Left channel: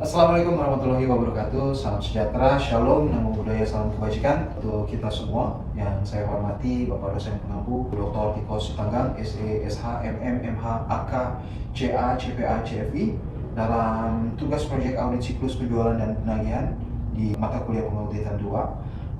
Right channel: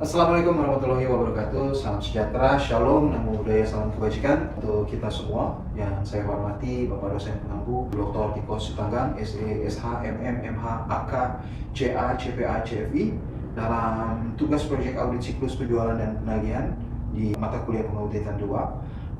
Assalamualaikum warahmatullahi wabarakatuh. Salam sejahtera, shalom, namo buddhaya, salam kebajikan untuk kita semua. Yang saya hormati Bapak dosen pengampu Dr. Tiko Sitanggang, SE, SH, MM, MH, AK, CA, CPA, CFI dalam tugas proyek audit siklus penjualan dan penagihan di mata kuliah pengauditan 2.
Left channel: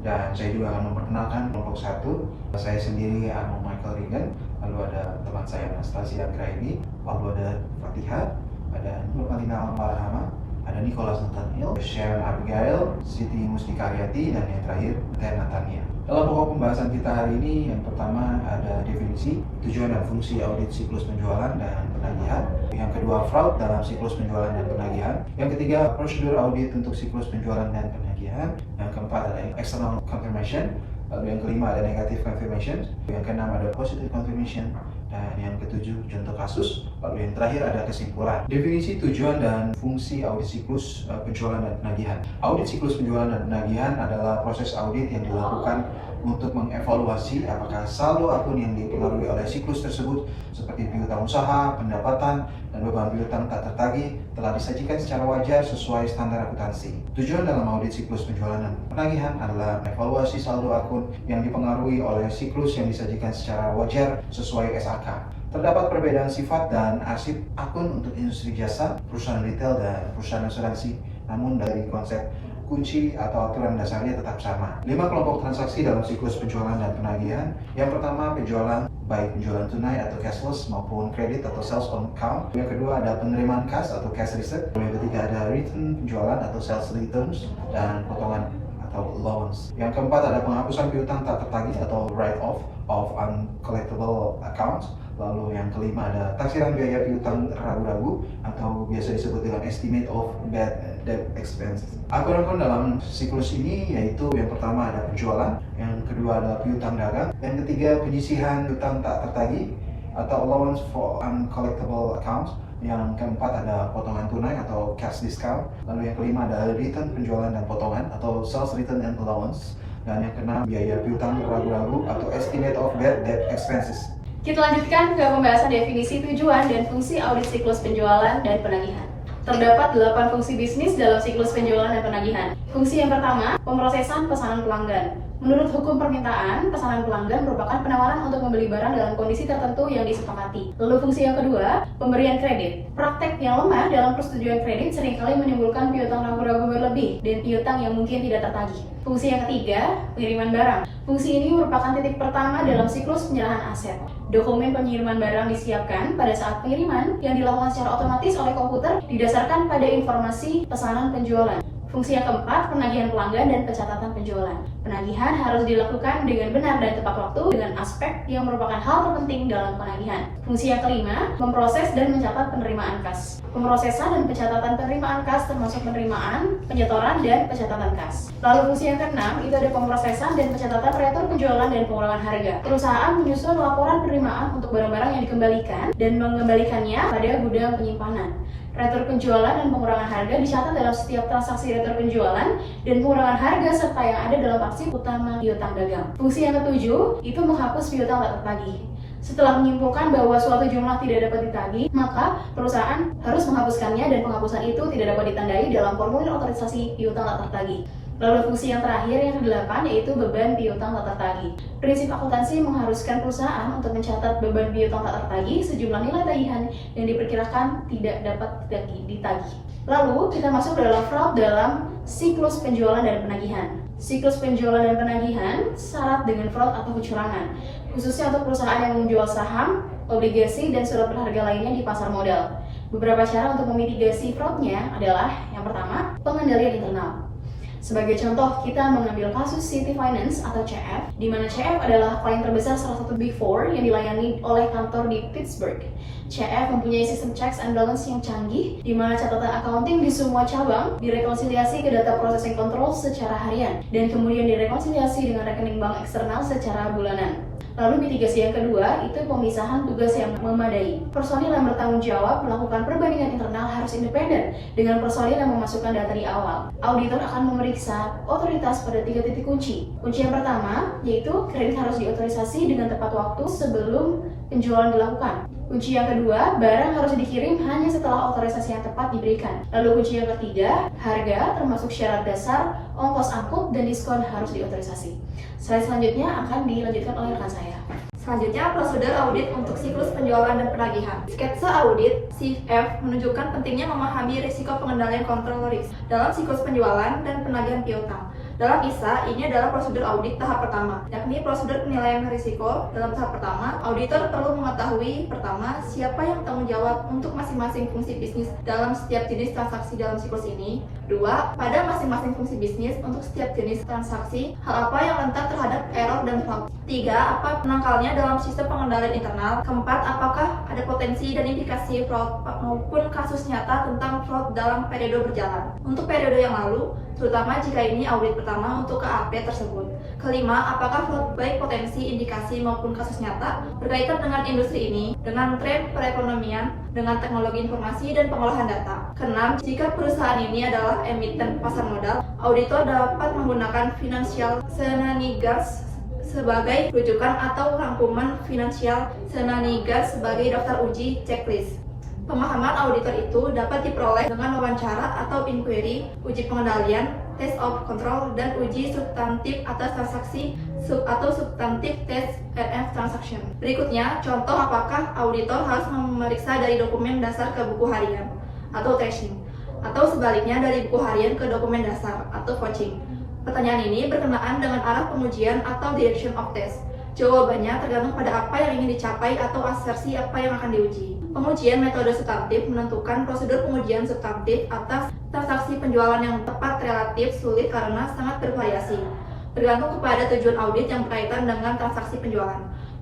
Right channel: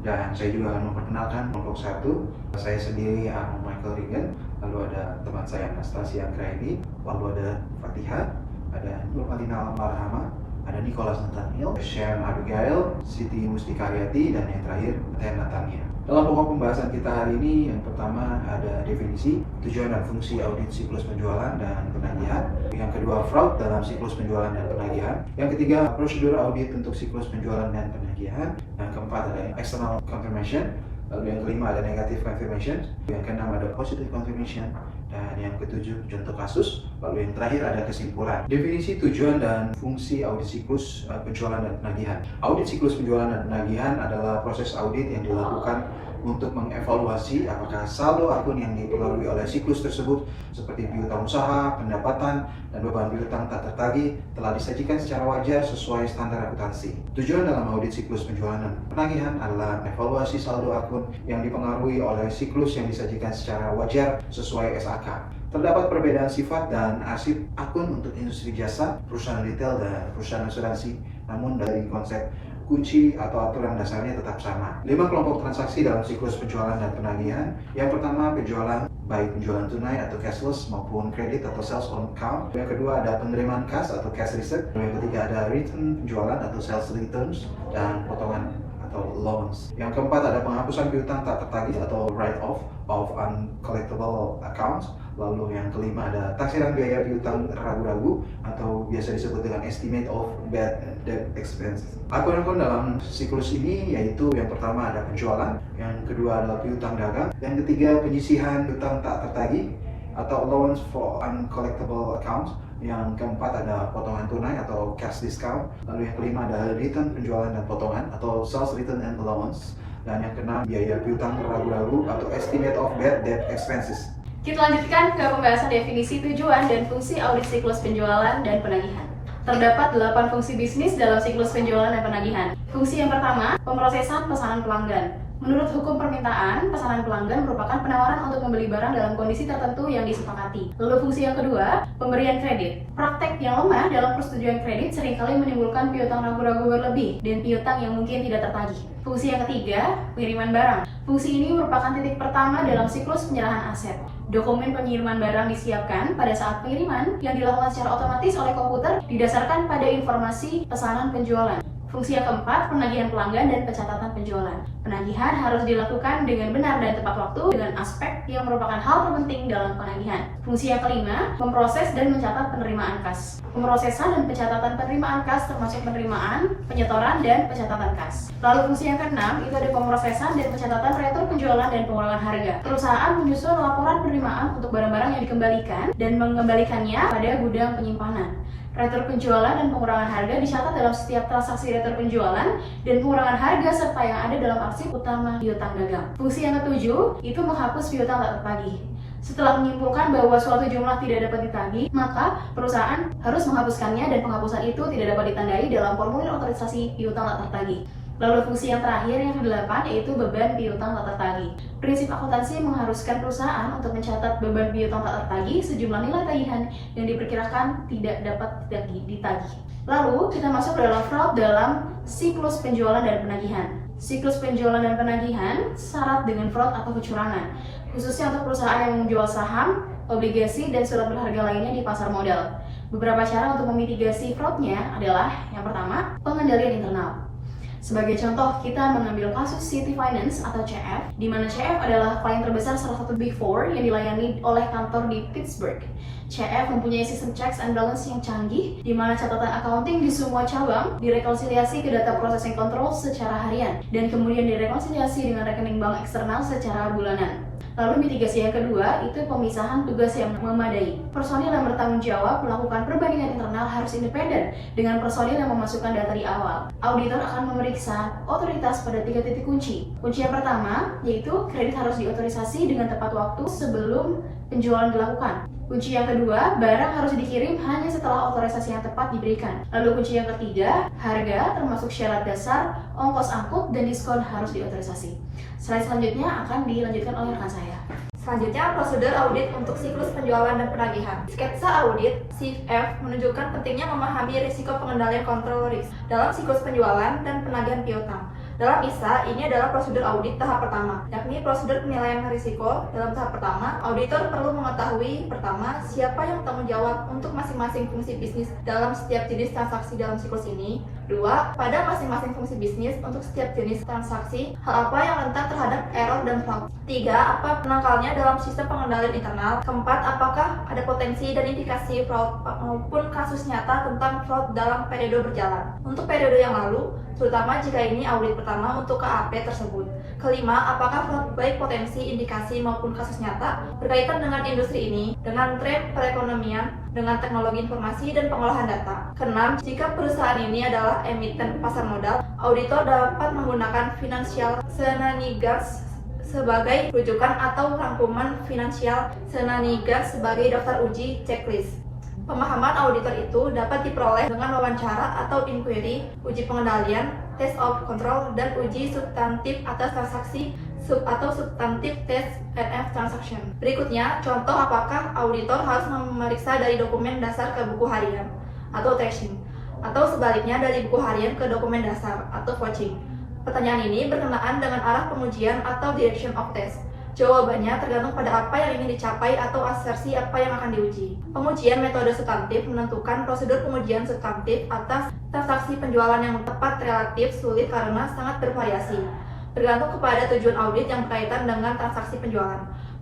Dan saya juga akan memperkenalkan kelompok 1. Saya sendiri Michael Regan, lalu ada teman saya Anastasia Anggraini, lalu ada Fatihah, ada Nur Malina Marhama, ada Nicholas Nathaniel, Sharon Abigail, Siti Mustika Hayati, dan yang terakhir Teh Natania. Dalam pokok pembahasan kita hari ini, yang pertama ada definisi, tujuan dan fungsi audit siklus penjualan dan penagihan. Yang kedua, fraud dalam siklus penjualan dan penagihan. Yang ketiga, prosedur audit untuk siklus penjualan dan penagihan. Yang keempat ada external confirmation. Lalu yang kelima ada negative confirmation. Yang keenam ada positive confirmation. Dan yang ketujuh contoh kasus. Lalu yang terakhir ada kesimpulan. Definisi tujuan dan fungsi audit siklus penjualan dan penagihan. Audit siklus penjualan dan penagihan adalah proses audit yang dilakukan untuk mengevaluasi apakah saldo akun yang dipengaruhi oleh siklus tersebut seperti piutang usaha, pendapatan, dan beban piutang tak tertagih telah disajikan secara wajar sesuai standar akuntansi. Tujuan dalam audit siklus penjualan dan penagihan adalah evaluasi saldo akun yang dipengaruhi oleh siklus yang disajikan secara wajar sesuai SAK. Terdapat perbedaan sifat dan arsip akun untuk industri jasa, perusahaan retail, dan perusahaan asuransi, namun dari konsep kunci atau aturan dasarnya tetap sama. 5 kelompok transaksi dalam siklus penjualan dan penagihan. Yang pertama, penjualan, baik penjualan tunai atau cashless maupun kredit atau sales on account. Yang kedua ada penerimaan kas atau cash receipt. Yang ketiga ada return penjualan atau sales returns dan potongan atau allowance. Yang keempat ada penghapusan piutang tak tertagih atau write off of uncollectible accounts. Lalu yang kelima ada taksiran biaya piutang ragu-ragu atau biasa disebut dengan estimate of bad debt expenses. Akun-akun dalam siklus ini yaitu yang pertama ada penjualan, yang kedua adalah piutang dagang, yang ketiga penyisihan piutang tak tertagih atau allowance for uncollectible accounts, yang keempat ada potongan tunai atau cash discount, lalu yang kelima ada return penjualan dan potongan atau sales return and allowance, dan yang keenam biaya piutang ragu-ragu atau estimate of bad debt expenses. Kita lanjutkan ke pembahasan definisi tujuan dan fungsi audit siklus penjualan dan penagihan. Terdapat 8 fungsi bisnis dalam siklus penjualan dan penagihan. Fungsi yang pertama, pemrosesan pesanan pelanggan. Menurut hukum permintaan, pesanan pelanggan merupakan penawaran untuk membeli barang dalam kondisi tertentu yang disepakati. Lalu fungsi yang kedua, pemberian kredit. Praktek yang lemah dalam persetujuan kredit seringkali menimbulkan piutang ragu-ragu berlebih dan piutang yang mungkin tidak tertagih. Fungsi yang ketiga, pengiriman barang. Fungsi ini merupakan titik pertama dalam siklus penyerahan aset. Dokumen pengiriman barang disiapkan pada saat pengiriman yang dilakukan secara otomatis oleh komputer didasarkan pada informasi pesanan penjualan. Fungsi yang keempat, penagihan pelanggan dan pencatatan penjualan. Penagihan harus dilakukan dengan benar dan tepat waktu dengan aspek yang merupakan hal terpenting dalam penagihan. Fungsi yang kelima, memproses dan mencatat penerimaan kas. Pemrosesan dan pencatatan penerimaan kas termasuk penerimaan, penyetoran, dan pencatatan kas. Lalu fungsi yang keenam, itu ada pemrosesan dan pencatatan retur penjualan dan pengurangan harga. Perusahaan menyusun laporan penerimaan untuk barang-barang yang dikembalikan dan mengembalikannya pada gudang penyimpanan. Retur penjualan dan pengurangan harga dicatat dalam setiap transaksi retur penjualan dan pengurangan harga serta yang ada dalam arsip utama piutang dagang. Fungsi yang ketujuh itu menghapus piutang tak tertagih. Setelah menyimpulkan bahwa suatu jumlah tidak dapat ditagih, maka perusahaan harus menghapuskannya dan penghapusan itu tidak dapat ditandai dalam formulir otorisasi piutang tak tertagih. Lalu fungsi yang terakhir yang ke-8 yaitu beban piutang tak tertagih. Prinsip akuntansi mengharuskan perusahaan untuk mencatat beban piutang tak tertagih sejumlah nilai tagihan yang diperkirakan tidak dapat ditagih. Lalu kita masuk ke dalam fraud dalam siklus penjualan dan penagihan. Siklus penjualan dan penagihan syarat dengan fraud atau kecurangan, khususnya untuk perusahaan yang menjual saham, obligasi, dan surat berharga lainnya di pasar modal. Beberapa cara untuk memitigasi fraudnya adalah yang pertama, pengendalian internal. Sebagai contoh, kita mengambil kasus City Finance atau CF, di mana CF adalah klien terbesar salah satu Big Four yang dilayani oleh kantor di Pittsburgh. CF mempunyai sistem checks and balance yang canggih, di mana catatan accounting di semua cabang direkonsiliasi ke data processing control secara harian, dan kemudian direkonsiliasi dengan rekening bank eksternal secara bulanan. Lalu mitigasi yang kedua itu pemisahan tugas yang memadai. Personil yang bertanggung jawab melakukan perbandingan internal harus independen dengan personil yang memasukkan data di awal. Auditor akan memberi memeriksa otoritas pada 3 titik kunci. Kunci yang pertama yaitu kredit harus diotorisasi dengan tepat waktu sebelum penjualan dilakukan. Kunci yang kedua, barang harus dikirim hanya setelah otorisasi yang tepat diberikan. Lalu kunci yang ketiga, harga termasuk syarat dasar, ongkos angkut, dan diskon harus diotorisasi. Slide selanjutnya akan dilanjutkan oleh rekan saya. Selanjutnya, prosedur audit untuk siklus penjualan dan penagihan. Sketsa audit CF menunjukkan pentingnya memahami risiko pengendalian kontrol risk dalam siklus penjualan dan penagihan piutang. Dalam ISA, ini adalah prosedur audit tahap pertama, yakni prosedur penilaian risiko. Dalam tahap pertama, auditor perlu mengetahui pertama, siapa yang bertanggung jawab untuk masing-masing fungsi bisnis dalam setiap jenis transaksi dalam siklus ini. Dua, pada masing-masing fungsi bisnis untuk setiap jenis transaksi, hal apa yang rentan terhadap error dan fraud. Tiga, apa penangkalnya dalam sistem pengendalian internal. Keempat, apakah ada potensi dan indikasi fraud maupun kasus nyata tentang fraud dalam periode berjalan. Untuk periode yang lalu, terutama jika ini audit pertama untuk KAP tersebut. Kelima, apakah fraud baik potensi, indikasi maupun kasus nyata berkaitan dengan industri ini, dengan tren perekonomian, dengan teknologi informasi dan pengolahan data. Keenam, jika perusahaan ini adalah emiten pasar modal, auditor dapat menggunakan financial shenanigans sebagai rujukan atau rangkuman finansial shenanigans sebagai daftar uji checklist. Pemahaman auditor itu dapat diperoleh dengan wawancara atau inquiry, uji pengendalian, test of control, dan uji substantif atas transaksi atau substantif test NF transaction. Berikutnya, contoh apakah auditor harus memeriksa dari dokumen dasar ke buku harian atau tracing, atau sebaliknya dari buku harian ke dokumen dasar atau vouching. Pertanyaan ini berkenaan dengan arah pengujian atau direction of test. Jawabannya tergantung pada apa yang ingin dicapai atau asersi apa yang akan diuji. Pengujian metode substantif menentukan prosedur pengujian substantif atas transaksi penjualan yang tepat relatif sulit karena sangat bervariasi, bergantung kepada tujuan audit yang berkaitan dengan transaksi penjualan.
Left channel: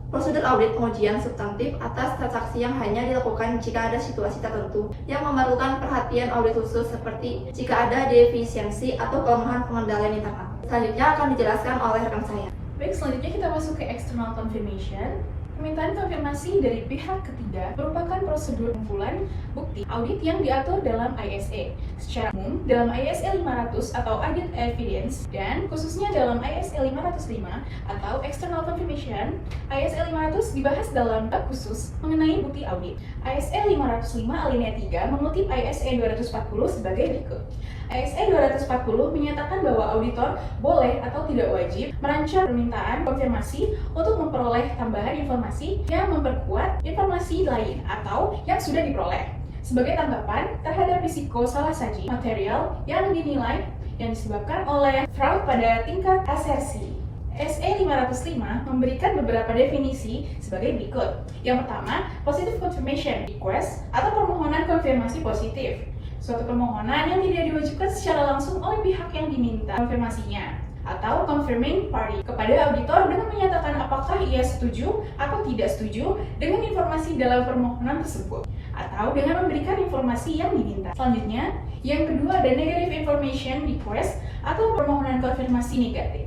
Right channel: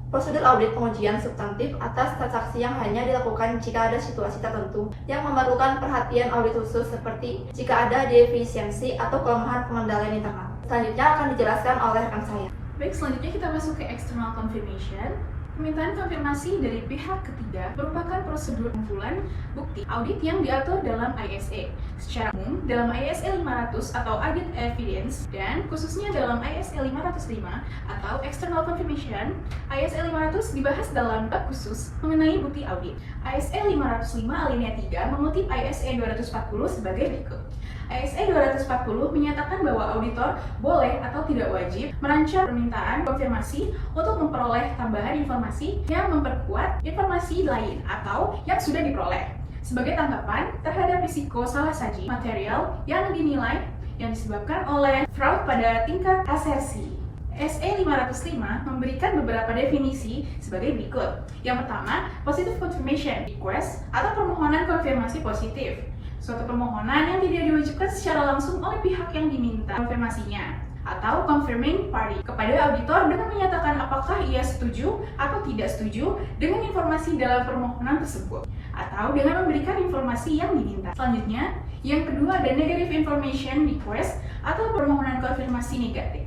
Prosedur audit pengujian substantif atas transaksi yang hanya dilakukan jika ada situasi tertentu yang memerlukan perhatian audit khusus seperti jika ada defisiensi atau kelemahan pengendalian internal. Selanjutnya akan dijelaskan oleh rekan saya. Baik, selanjutnya kita masuk ke external confirmation. Permintaan konfirmasi dari pihak ketiga merupakan prosedur kumpulan bukti audit yang diatur dalam ISA. Secara umum, dalam ISA 500 atau Audit Evidence, dan khususnya dalam ISA 505 atau External Confirmation, ISA 500 dibahas dalam bab khusus mengenai bukti audit. ISA 505 alinea 3 mengutip ISA 240 sebagai berikut. ISA 240 menyatakan bahwa auditor boleh atau tidak wajib merancang permintaan konfirmasi untuk memperoleh tambahan informasi yang memperkuat informasi lain atau yang sudah diperoleh sebagai tanggapan terhadap risiko salah saji material yang dinilai yang disebabkan oleh fraud pada tingkat asersi. SA 505 memberikan beberapa definisi sebagai berikut. Yang pertama, positive confirmation request atau permohonan konfirmasi positif. Suatu permohonan yang tidak diwajibkan secara langsung oleh pihak yang diminta konfirmasinya, atau confirming party kepada auditor dengan menyatakan apakah ia setuju atau tidak setuju dengan informasi dalam permohonan tersebut, atau dengan memberikan informasi yang diminta. Selanjutnya, yang kedua ada negative information request atau permohonan konfirmasi negatif.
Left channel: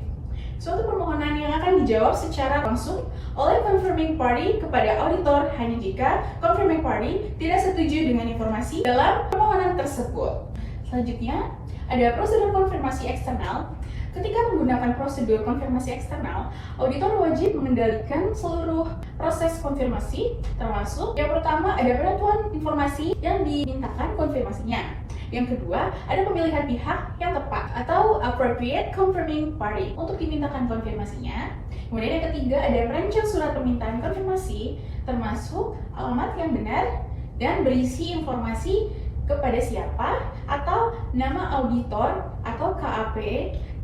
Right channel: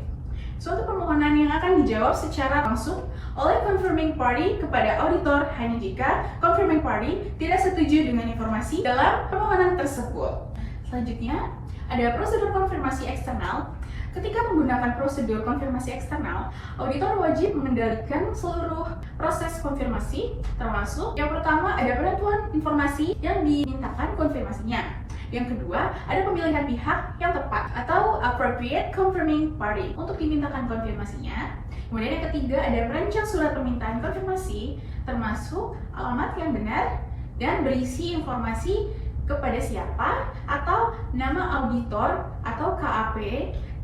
Suatu permohonan yang akan dijawab secara langsung oleh confirming party kepada auditor hanya jika confirming party tidak setuju dengan informasi dalam permohonan tersebut. Selanjutnya, ada prosedur konfirmasi eksternal. Ketika menggunakan prosedur konfirmasi eksternal, auditor wajib mengendalikan seluruh proses konfirmasi, termasuk yang pertama ada penentuan informasi yang dimintakan konfirmasinya. Yang kedua, ada pemilihan pihak yang tepat atau appropriate confirming party untuk dimintakan konfirmasinya. Kemudian yang ketiga, ada merancang surat permintaan konfirmasi, termasuk alamat yang benar dan berisi informasi kepada siapa atau nama auditor atau KAP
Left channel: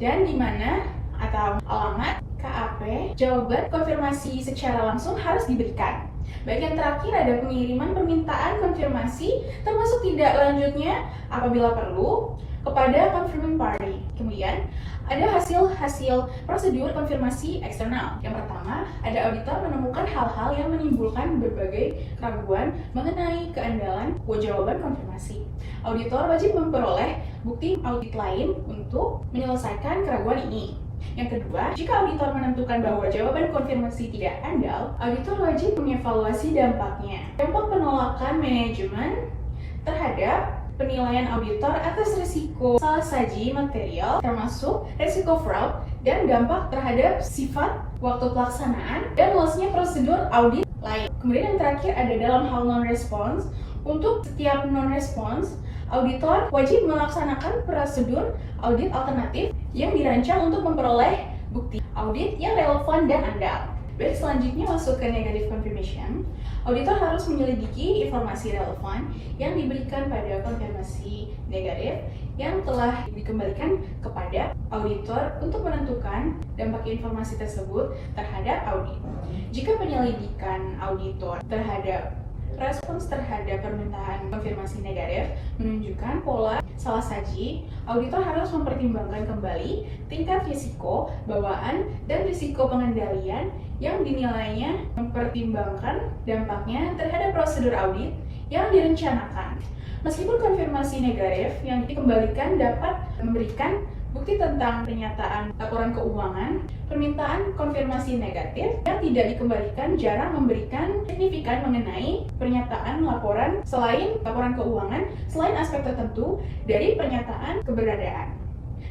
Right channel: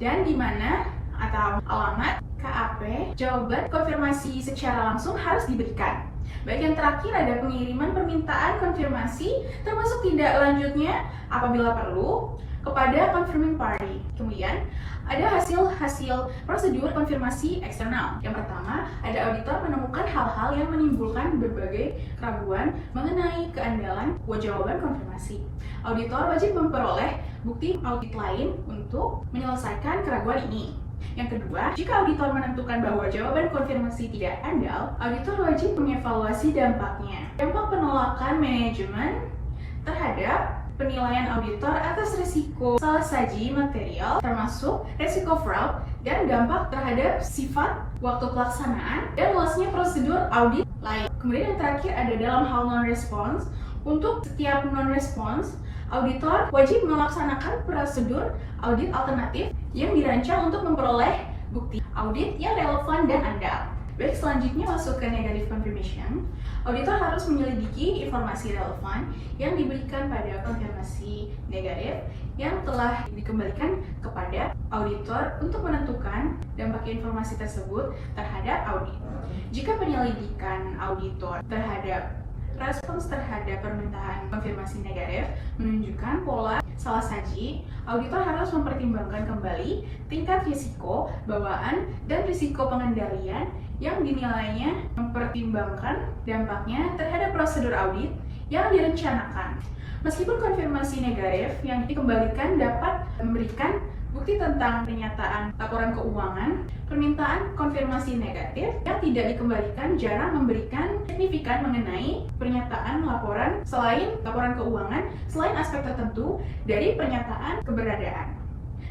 dan di mana atau alamat KAP. Jawaban konfirmasi secara langsung harus diberikan. Baik, yang terakhir ada pengiriman permintaan konfirmasi termasuk tindak lanjutnya apabila perlu kepada confirming party. Kemudian ada hasil-hasil prosedur konfirmasi eksternal. Yang pertama, ada auditor menemukan hal-hal yang menimbulkan berbagai keraguan mengenai keandalan jawaban konfirmasi. Auditor wajib memperoleh bukti audit lain untuk menyelesaikan keraguan ini. Yang kedua, jika auditor menentukan bahwa jawaban konfirmasi tidak andal, auditor wajib mengevaluasi dampaknya. Dampak penolakan manajemen terhadap penilaian auditor atas risiko salah saji material, termasuk risiko fraud dan dampak terhadap sifat, waktu pelaksanaan, dan luasnya prosedur audit lain. Kemudian yang terakhir ada dalam hal non-response. Untuk setiap non-response, auditor wajib melaksanakan prosedur audit alternatif yang dirancang untuk memperoleh bukti audit yang relevan dan andal. Baik, selanjutnya masuk ke negative confirmation. Auditor harus menyelidiki informasi relevan yang diberikan pada konfirmasi negatif yang telah dikembalikan kepada auditor untuk menentukan dampak informasi tersebut terhadap audit. Jika penyelidikan auditor terhadap respons terhadap permintaan konfirmasi negatif menunjukkan pola salah saji, auditor harus mempertimbangkan kembali tingkat risiko bawaan dan risiko pengendalian yang dinilainya mempertimbangkan dampaknya terhadap prosedur audit yang direncanakan. Meskipun konfirmasi negatif yang dikembalikan dapat memberikan bukti tentang pernyataan laporan keuangan, permintaan konfirmasi negatif yang tidak dikembalikan jarang memberikan signifikan mengenai pernyataan laporan selain laporan keuangan, selain aspek tertentu dari pernyataan keberadaan.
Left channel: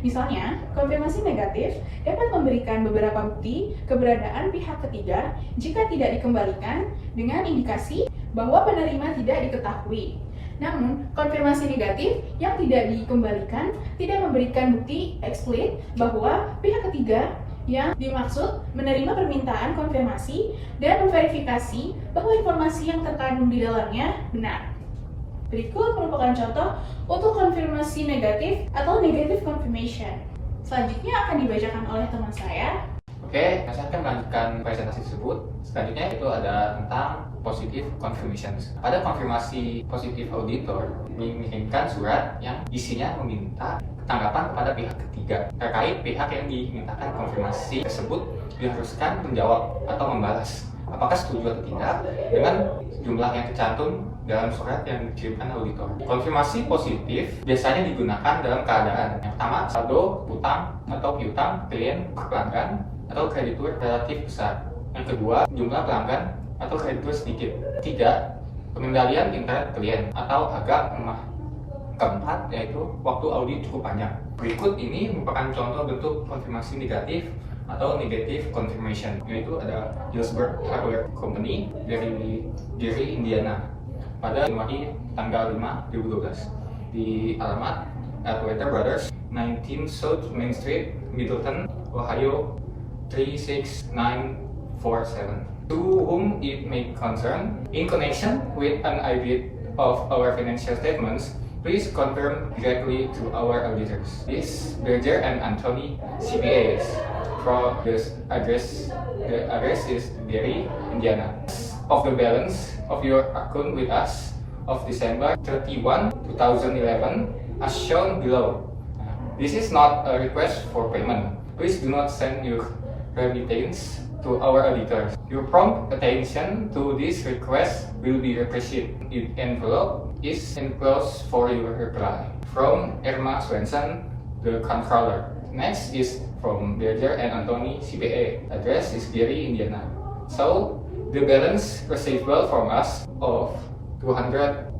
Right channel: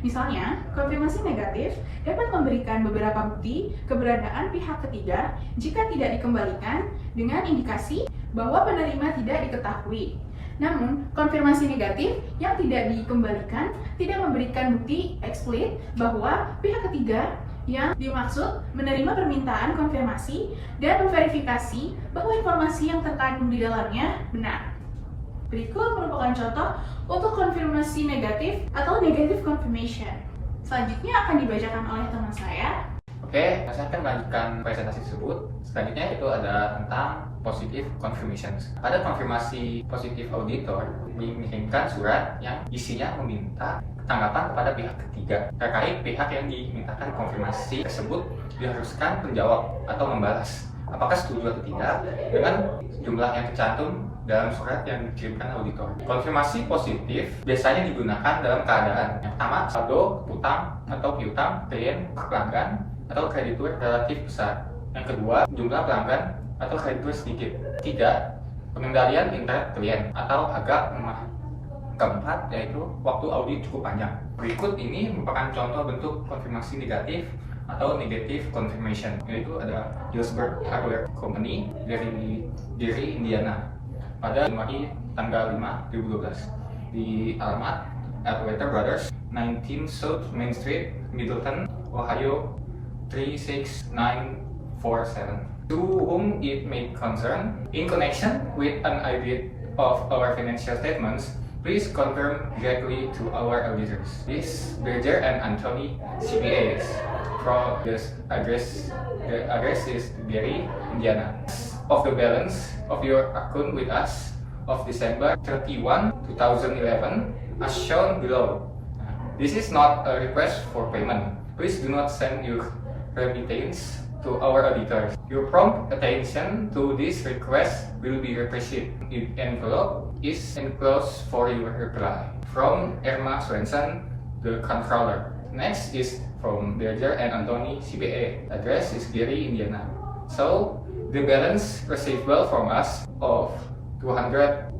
Misalnya, konfirmasi negatif dapat memberikan beberapa bukti keberadaan pihak ketiga jika tidak dikembalikan dengan indikasi bahwa penerima tidak diketahui. Namun, konfirmasi negatif yang tidak dikembalikan tidak memberikan bukti eksplisit bahwa pihak ketiga yang dimaksud menerima permintaan konfirmasi dan memverifikasi bahwa informasi yang terkandung di dalamnya benar. Berikut merupakan contoh untuk konfirmasi negatif atau negative confirmation. Selanjutnya akan dibacakan oleh teman saya. Oke, saya akan melanjutkan presentasi tersebut. Selanjutnya itu ada tentang positive confirmations. Ada konfirmasi positif auditor mengirimkan surat yang isinya meminta tanggapan kepada pihak ketiga terkait pihak yang dimintakan konfirmasi tersebut diharuskan menjawab atau membalas apakah setuju atau tidak dengan jumlah yang tercantum dalam surat yang dikirimkan auditor. Konfirmasi positif biasanya digunakan dalam keadaan yang pertama, saldo utang atau piutang klien pelanggan atau kreditur relatif besar. Yang kedua, jumlah pelanggan atau kreditur sedikit. Tiga, pengendalian internet klien atau agak lemah. Keempat, yaitu waktu audit cukup panjang. Berikut ini merupakan contoh bentuk konfirmasi negatif atau negative confirmation, yaitu ada Hillsburg Hardware Company dari Gary, Indiana pada Januari tanggal 5, 2012 di alamat Atwater Brothers, 19 South Main Street, Middleton, Ohio 36947. To whom it may concern, in connection with an audit of our financial statements, please confirm directly to our auditors. This Berger and Anthony CPAs. From this address, the address is Gary, Indiana. Of the balance of your account with us of December 31, 2011, as shown below. This is not a request for payment. Please do not send your remittance to our auditors. Your prompt attention to this request will be appreciated. The envelope is enclosed for your reply. From Irma Swenson, the controller. Next is from Berger and Anthony CPA. Address is Gary, Indiana. So, the balance receivable from us of $200,000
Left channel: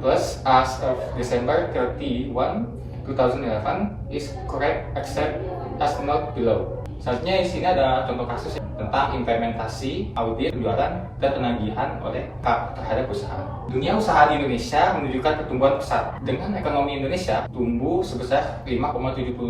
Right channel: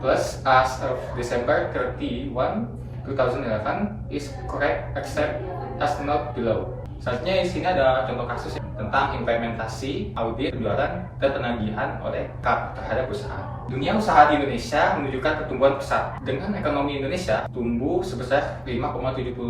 plus as of December 31, 2011 is correct except as noted below. Selanjutnya di sini ada contoh kasus tentang implementasi audit penjualan dan penagihan oleh KAP terhadap usaha. Dunia usaha di Indonesia menunjukkan pertumbuhan pesat dengan ekonomi Indonesia tumbuh sebesar 5,72%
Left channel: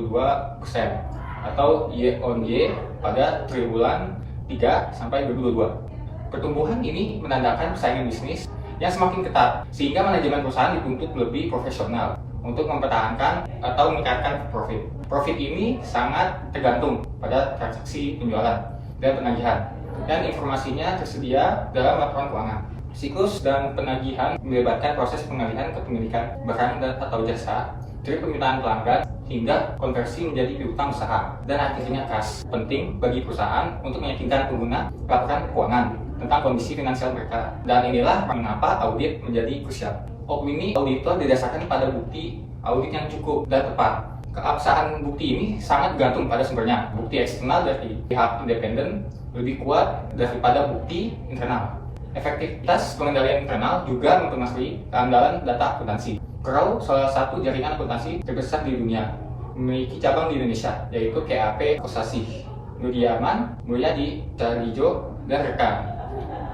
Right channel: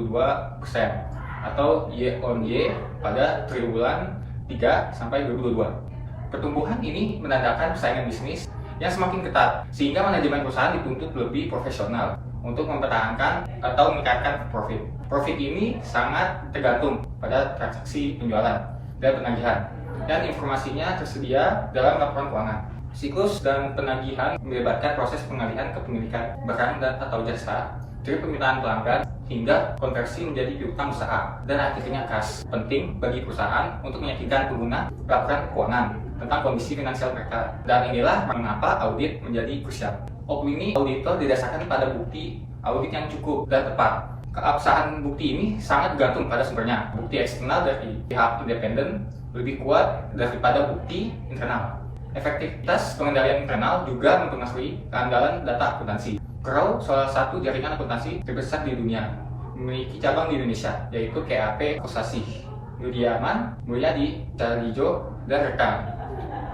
atau year on year pada triwulan 3 sampai 2022. Pertumbuhan ini menandakan persaingan bisnis yang semakin ketat sehingga manajemen perusahaan dituntut lebih profesional untuk mempertahankan atau meningkatkan profit. Profit ini sangat tergantung pada transaksi penjualan dan penagihan, dan informasinya tersedia dalam laporan keuangan. Siklus dan penagihan melibatkan proses pengalihan kepemilikan barang dan atau jasa dari permintaan pelanggan hingga konversi menjadi piutang usaha dan akhirnya kas. Penting bagi perusahaan untuk meyakinkan pengguna laporan keuangan tentang kondisi finansial mereka, dan inilah mengapa audit menjadi krusial. Opini auditor didasarkan pada bukti audit yang cukup dan tepat. Keabsahan bukti ini sangat bergantung pada sumbernya. Bukti eksternal dari pihak independen lebih kuat daripada bukti internal. Efektivitas pengendalian internal juga mempengaruhi keandalan data akuntansi. Crow salah satu jaringan akuntansi terbesar di dunia, memiliki cabang di Indonesia, yaitu KAP Kosasih, Nudiaman, Mulyadi, Carlijo, dan rekan.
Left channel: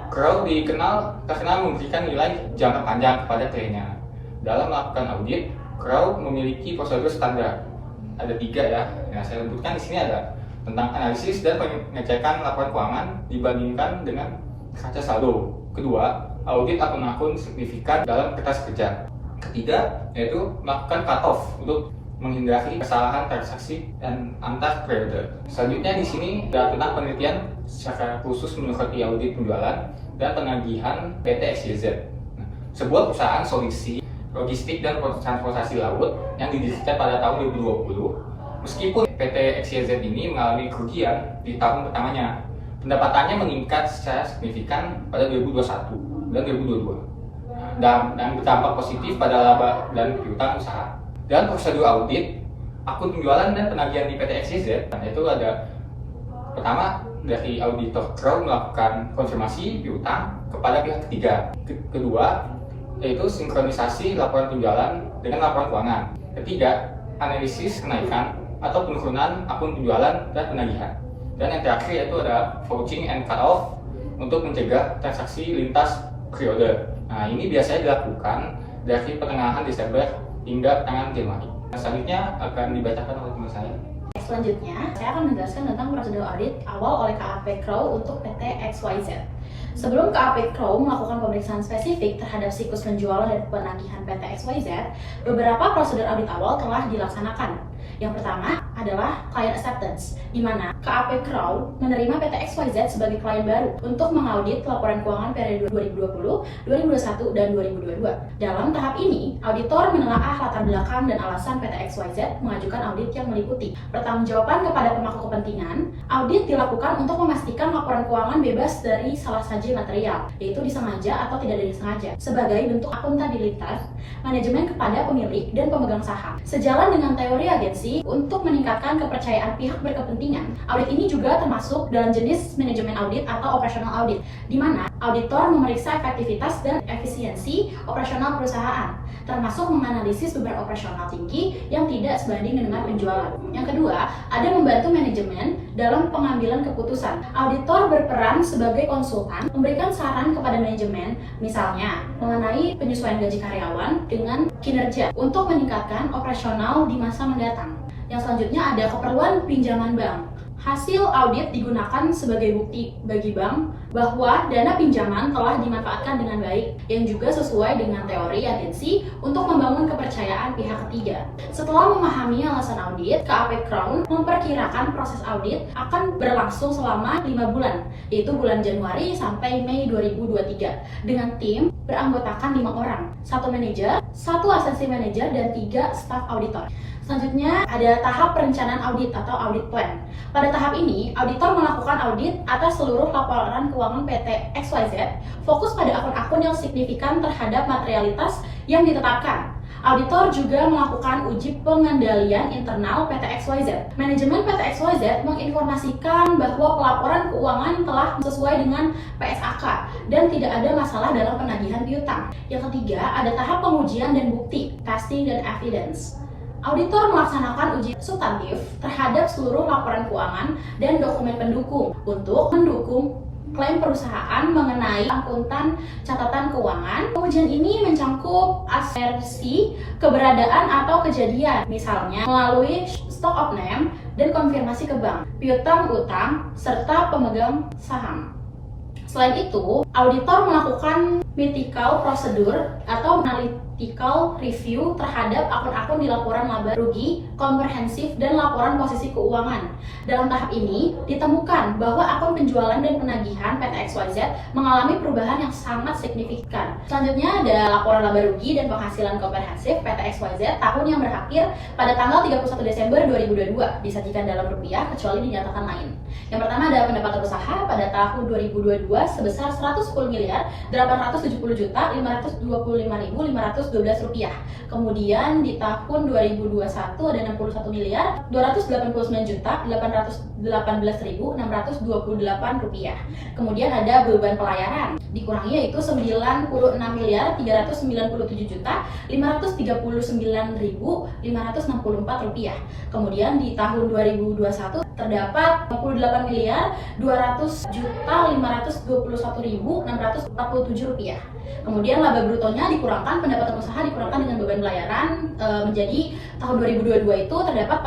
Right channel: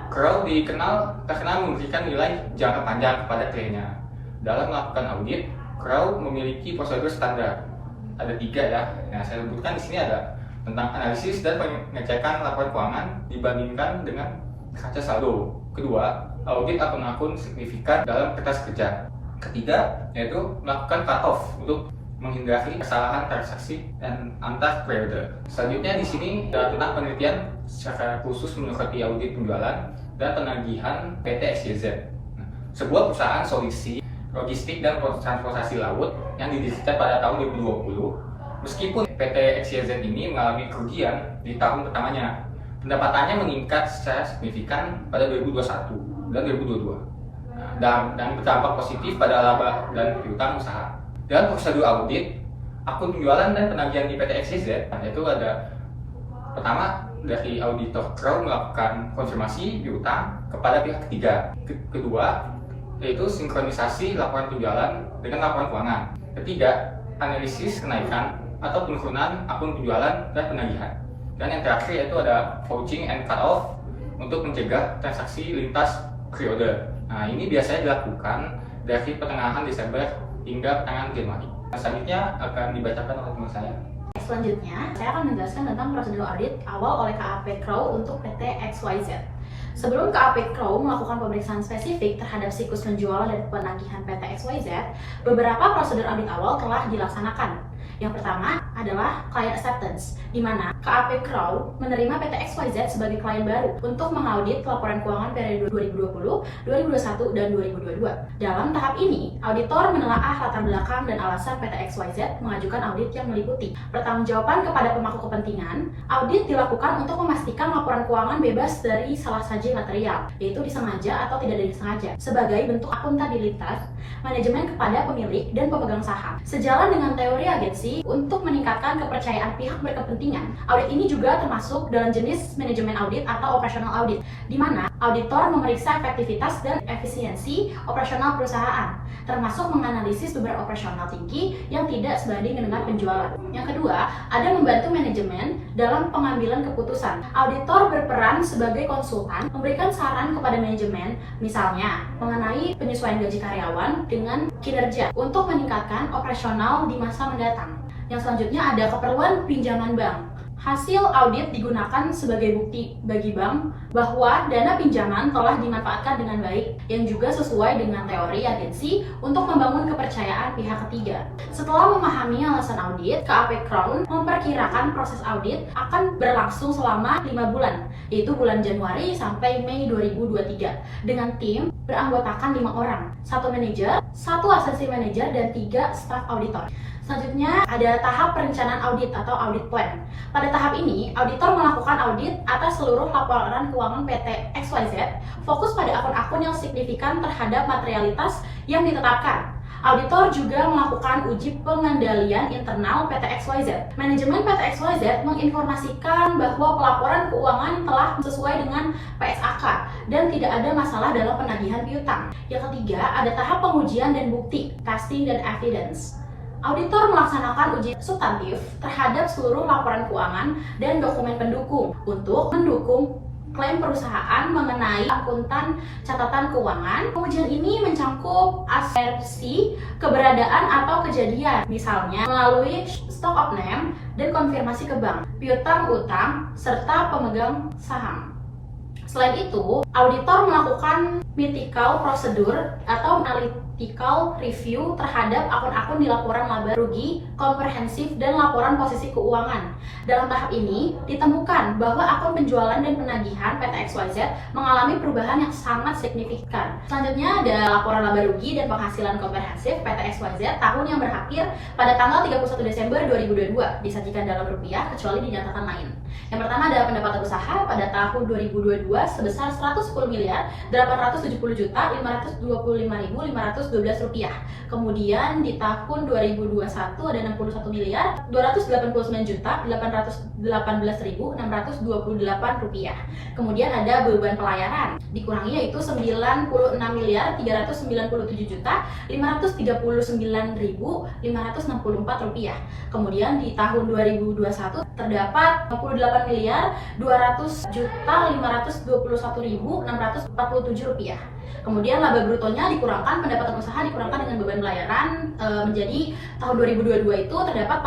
Crow terkenal memberikan nilai jangka panjang kepada kliennya. Dalam melakukan audit, Crow memiliki prosedur standar. Ada 3 ya. Nah, saya sebutkan di sini ada tentang analisis dan pengecekan laporan keuangan dibandingkan dengan kaca saldo. Kedua, audit akun-akun signifikan dalam kertas kerja. Ketiga, yaitu melakukan cut-off untuk menghindari kesalahan transaksi dan antar periode. Selanjutnya di sini ada tentang penelitian secara khusus menyoroti audit penjualan dan penagihan PT XYZ. Sebuah perusahaan solusi logistik dan transportasi laut yang didirikan pada tahun 2020. Meskipun PT XYZ ini mengalami kerugian di tahun pertamanya, pendapatannya meningkat secara signifikan pada 2021 dan 2022 dan berdampak positif pada laba dan piutang usaha. Dalam prosedur audit akun penjualan dan penagihan di PT XYZ, yaitu ada pertama dari auditor Crow melakukan konfirmasi piutang kepada pihak ketiga. Kedua, yaitu sinkronisasi laporan penjualan dengan laporan keuangan. Ketiga, analisis kenaikan atau penurunan akun penjualan dan penagihan. Dan yang terakhir yaitu ada vouching and cut-off untuk mencegah transaksi lintas periode. Nah, ini biasanya dilakukan dari pertengahan Desember hingga pertengahan Januari. Selanjutnya akan dibacakan oleh teman saya. Selanjutnya, saya akan menjelaskan tentang prosedur audit awal oleh KAP Crow untuk PT XYZ. Sebelum KAP Crow melakukan pemeriksaan spesifik terhadap siklus penjualan dan penagihan PT XYZ, beberapa prosedur audit awal telah dilaksanakan. Yang pertama adalah client acceptance, di mana KAP Crow menerima PT XYZ sebagai klien baru untuk mengaudit laporan keuangan periode 2020, 2021, dan 2022. Dalam tahap ini, auditor menelaah latar belakang dan alasan PT XYZ mengajukan audit yang meliputi pertanggungjawaban kepada pemangku kepentingan. Audit dilakukan untuk memastikan laporan keuangan bebas dari salah saji material, yaitu disengaja atau tidak disengaja, sebagai bentuk akuntabilitas manajemen kepada pemilik dan pemegang saham. Sejalan dengan teori agensi untuk meningkatkan kepercayaan pihak berkepentingan, audit ini juga termasuk dalam jenis manajemen audit atau operational audit, di mana auditor memeriksa efektivitas dan efisiensi operasional perusahaan, termasuk menganalisis beban operasional tinggi yang tidak sebanding dengan penjualan. Yang kedua, ada membantu manajemen dalam pengambilan keputusan. Auditor berperan sebagai konsultan, memberikan saran kepada manajemen, misalnya mengenai penyesuaian gaji karyawan dengan kinerja untuk meningkatkan operasional di masa mendatang. Yang selanjutnya ada keperluan pinjaman bank. Hasil audit digunakan sebagai bukti bagi bank bahwa dana pinjaman telah dimanfaatkan dengan baik, yang juga sesuai dengan teori agensi untuk membangun kepercayaan pihak ketiga. Setelah memahami alasan audit, KAP Crow memperkirakan proses audit akan berlangsung selama 5 bulan, yaitu bulan Januari sampai Mei 2023, dengan tim beranggotakan 5 orang, 1 manajer, 1 asisten manajer, dan 3 staf auditor. Selanjutnya ada tahap perencanaan audit atau audit plan. Pada tahap ini, auditor melakukan audit atas seluruh laporan keuangan PT XYZ, fokus pada akun-akun yang signifikan terhadap materialitas yang ditetapkan. Auditor juga melakukan uji pengendalian internal PT XYZ. Manajemen PT XYZ menginformasikan bahwa pelaporan keuangan telah sesuai dengan PSAK dan tidak ada masalah dalam penagihan piutang. Yang ketiga, ada tahap pengujian dan bukti, testing dan evidence. Auditor melaksanakan uji substantif terhadap seluruh laporan keuangan dan dokumen pendukung untuk mendukung klaim perusahaan mengenai akuntan catatan keuangan. Pengujian ini mencangkup asersi, keberadaan atau kejadian, misalnya melalui stock of name dan konfirmasi ke bank, piutang utang, serta pemegang saham. Selain itu, auditor melakukan mythical prosedur atau analytical review terhadap akun-akun di laporan laba rugi, komprehensif, dan laporan posisi keuangan. Dalam tahap ini, ditemukan bahwa akun penjualan dan penagihan PT XYZ mengalami perubahan yang sangat signifikan. Selanjutnya ada laporan laba rugi dan penghasilan komprehensif PT XYZ tahun yang berakhir pada tanggal 31 Desember 2022, disajikan dalam rupiah kecuali dinyatakan lain. Yang pertama ada pendapatan usaha pada tahun 2022 sebesar 110.870.525.527 rupiah. Kemudian di tahun 2021 ada 61 miliar 299.818.628 rupiah. Kemudian ada beban pelayaran dikurangi, yaitu 96.537.539.564 rupiah. Kemudian di tahun 2021 terdapat 58.200.521.647 rupiah. Kemudian laba brutonya dikurangkan pendapatan usaha dikurangkan dengan beban pelayaran menjadi tahun 2022 itu terdapat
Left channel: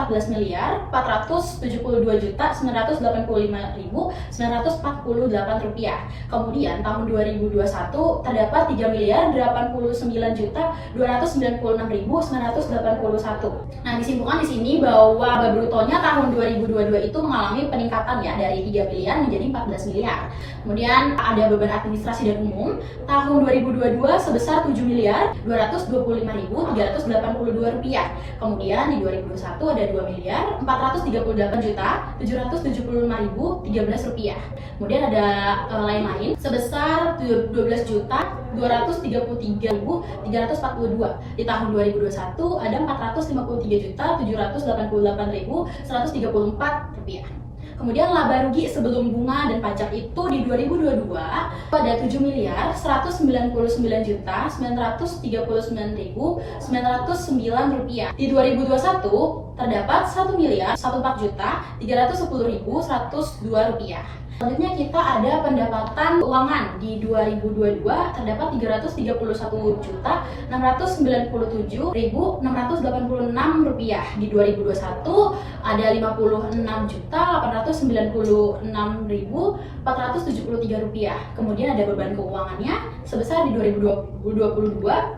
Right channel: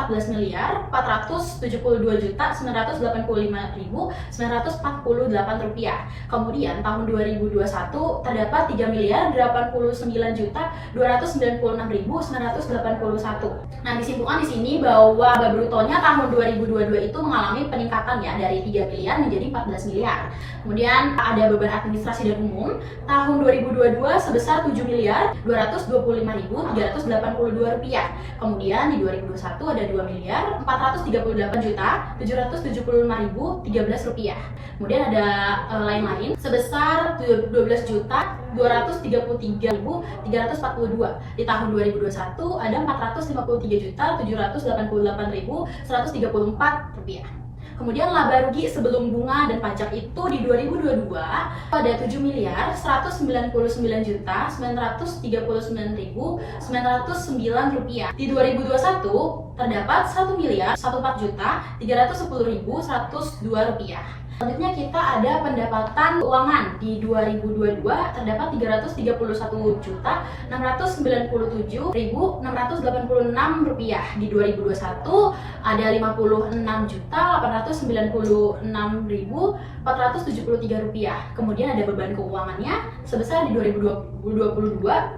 14.472.985.948 rupiah. Kemudian tahun 2021 terdapat 3.299.981. Nah, disimpulkan di sini bahwa laba brutonya tahun 2022 itu mengalami peningkatan ya dari 3 miliar menjadi 14 miliar. Kemudian ada beban administrasi dan umum tahun 2022 sebesar 7.225.382 rupiah. Kemudian di 2021 ada 2.438.775.013 rupiah. Kemudian ada lain-lain sebesar 12.233.342. Di tahun 2021 ada 453.788.134 rupiah. Kemudian laba rugi sebelum bunga dan pajak itu di 2022 ada 7.199.939.909 rupiah. Di 2021 terdapat 1.114.310.102 rupiah. Selanjutnya kita ada pendapatan keuangan di 2022 terdapat 331.697.686 rupiah. Di 2021 ada 56.896.473 rupiah. Kemudian ada beban keuangannya sebesar di 2022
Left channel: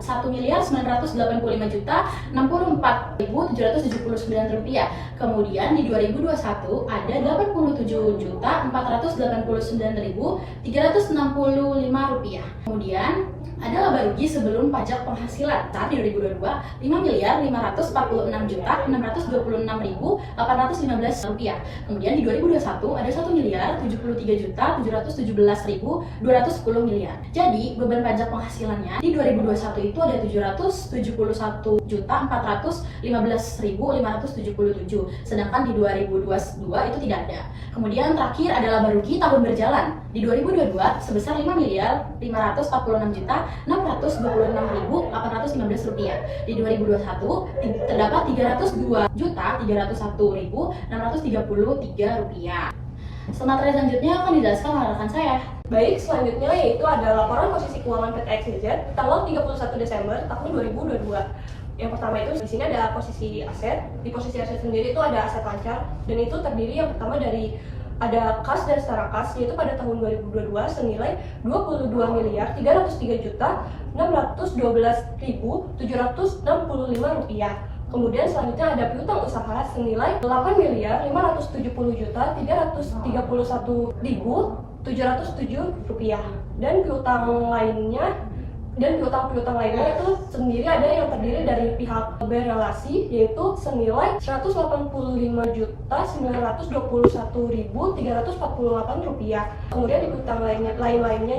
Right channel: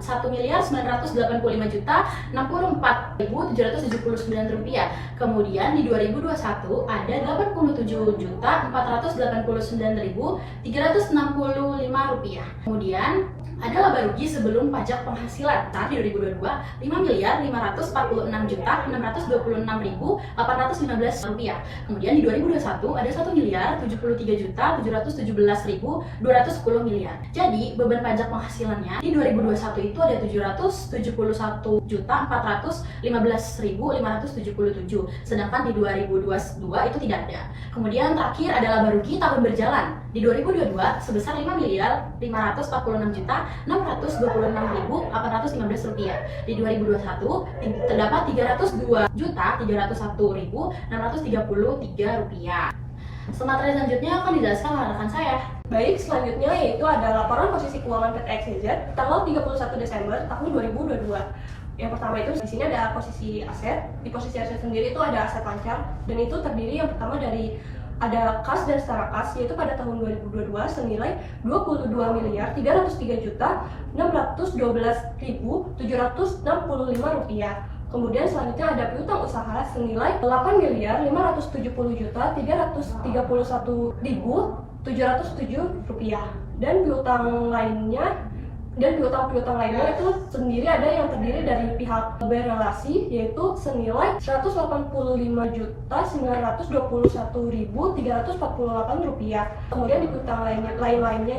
1.985.064.779 rupiah. Kemudian di 2021 ada 87.489.365 rupiah. Kemudian ada laba rugi sebelum pajak penghasilan saat di 2022 5.546.626.815 rupiah. Kemudian di 2021 ada 1.073.717.210 miliar. Jadi beban pajak penghasilannya di 2021 itu ada 771.415.577, sedangkan di 2022 itu tidak ada. Kemudian terakhir ada laba rugi tahun berjalan di 2022 sebesar 5.526.626.815 rupiah. Di 2021 terdapat 302.301.633 rupiah. Materi selanjutnya akan dijelaskan oleh rekan saya. Baik, selanjutnya yaitu ada laporan posisi keuangan PT XYZ tanggal 31 Desember tahun 2022. Yang pertama itu di sini ada posisi aset. Di posisi aset sendiri itu ada aset lancar dan itu terdiri yang pertama dari ada kas dan setara kas, yaitu pada tahun 2022 senilai 22.303.612.765 rupiah. Kemudian selanjutnya ada piutang usaha senilai 8.531.331.707 rupiah. Dan piutang piutang lainnya itu sendiri ada yang terdiri dari pihak berelasi, yaitu senilai 180.5.921.348 rupiah. Kemudian di piutang lainnya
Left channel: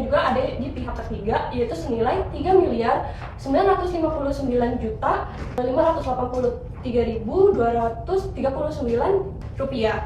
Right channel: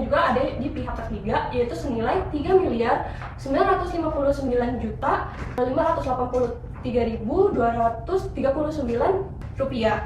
juga ada di pihak ketiga, yaitu senilai 3.959.583.239 rupiah.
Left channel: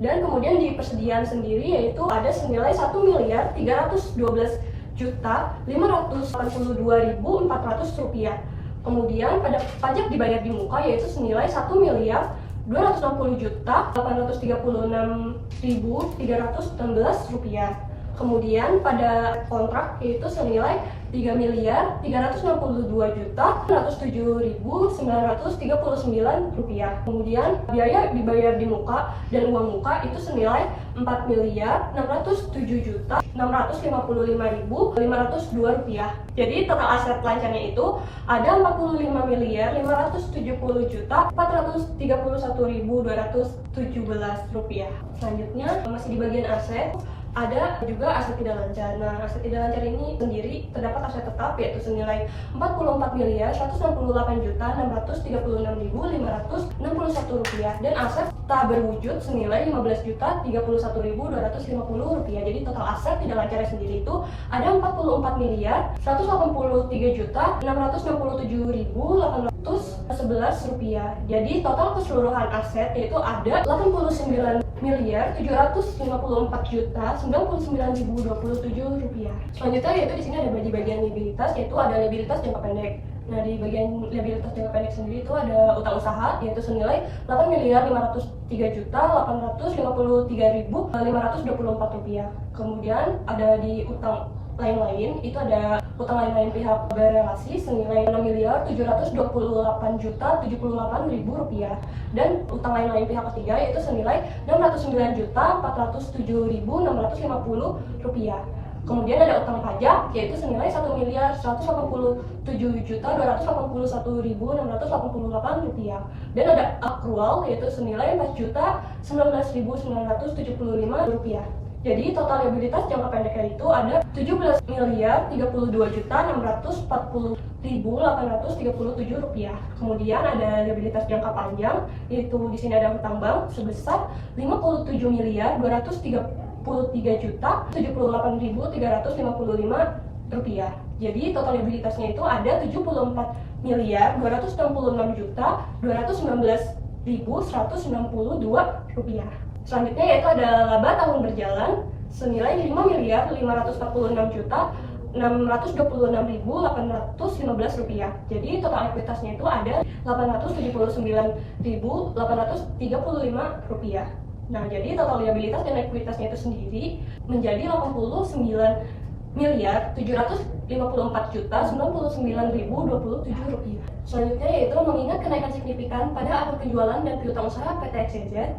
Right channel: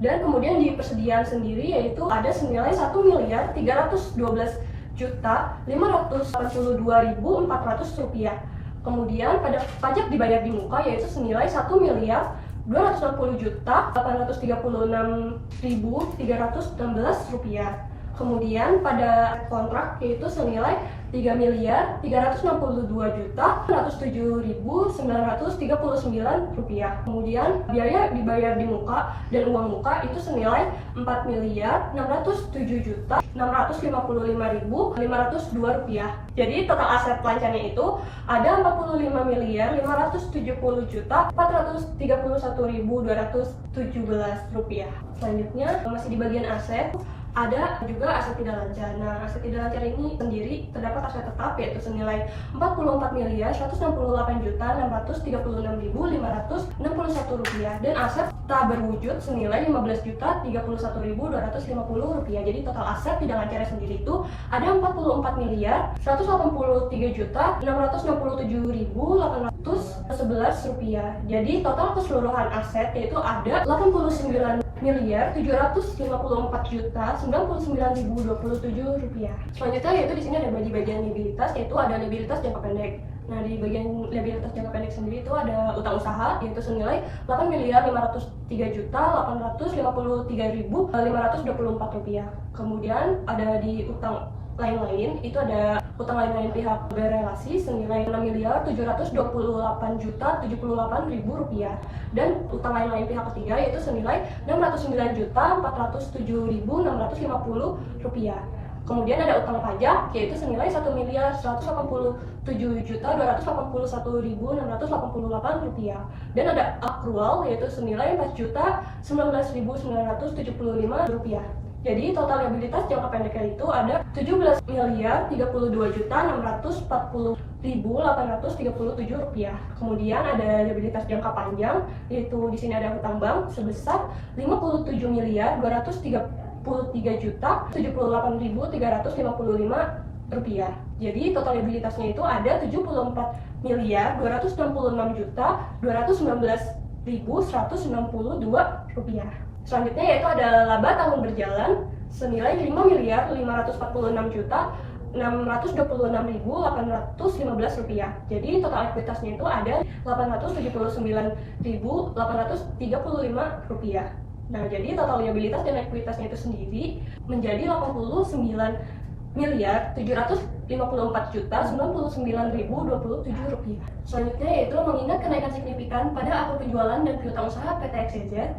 Dan kemudian di persediaan sendiri yaitu ada senilai 1.312.582.400 rupiah. Kemudian pada pajak dibayar di muka yaitu senilai 1.260.836.316 rupiah. Kemudian pada kontrak yaitu senilai 3.362.107.939 rupiah. Kemudian biaya dibayar di muka dan uang muka itu senilai 4.607.655.502 rupiah. Jadi total aset lancarnya itu ada 45.570.431.217 rupiah. Selanjutnya masih di bagian aset, Ada juga aset tidak lancar. Nah, aset tidak lancar ini sendiri terdapat aset tetap yaitu senilai Rp44.168.636.561 dan aset tak berwujud senilai Rp15.031.250. Jadi total aset tidak lancar sendiri itu ada Rp44.183.667.811. Jadi total keseluruhan aset yaitu ada Rp89.754.099.027. Selanjutnya yaitu di sini ada di bagian liabilitas, yaitu ada liabilitas jangka pendek. Nah, di bagian liabilitas jangka pendek sendiri itu ada utang usaha yaitu senilai Rp8.503.853.524. Kemudian ada di utang lain-lain, itu ada utang lain-lain pihak berrelasi senilai Rp6.728.078.000 dan utang lain-lain pihak ketiga yaitu senilai Rp609.407.650. Kemudian ada utang pajak yaitu senilai Rp1.187.281.688 dan ada akrual yaitu senilai Rp4.019.975. Jadi total liabilitas jangka pendeknya itu ada Rp17.032.640.837. Kemudian ada liabilitas jangka panjang yaitu di sini ada hutang bank sebesar Rp57.278.355. Jadi total liabilitasnya itu ada Rp74.219.192. Selanjutnya yaitu ada laba tahun berjalan senilai Rp5.589.626.815. Jadi total ekuitasnya itu ada Rp879.835. Nah, jadi total liabilitas dan ekuitasnya itu sendiri menjadi Rp89.754.099.027. Selanjutnya yaitu mengingat kenaikan signifikan pada akun penjualan dan piutang usaha PT XYZ,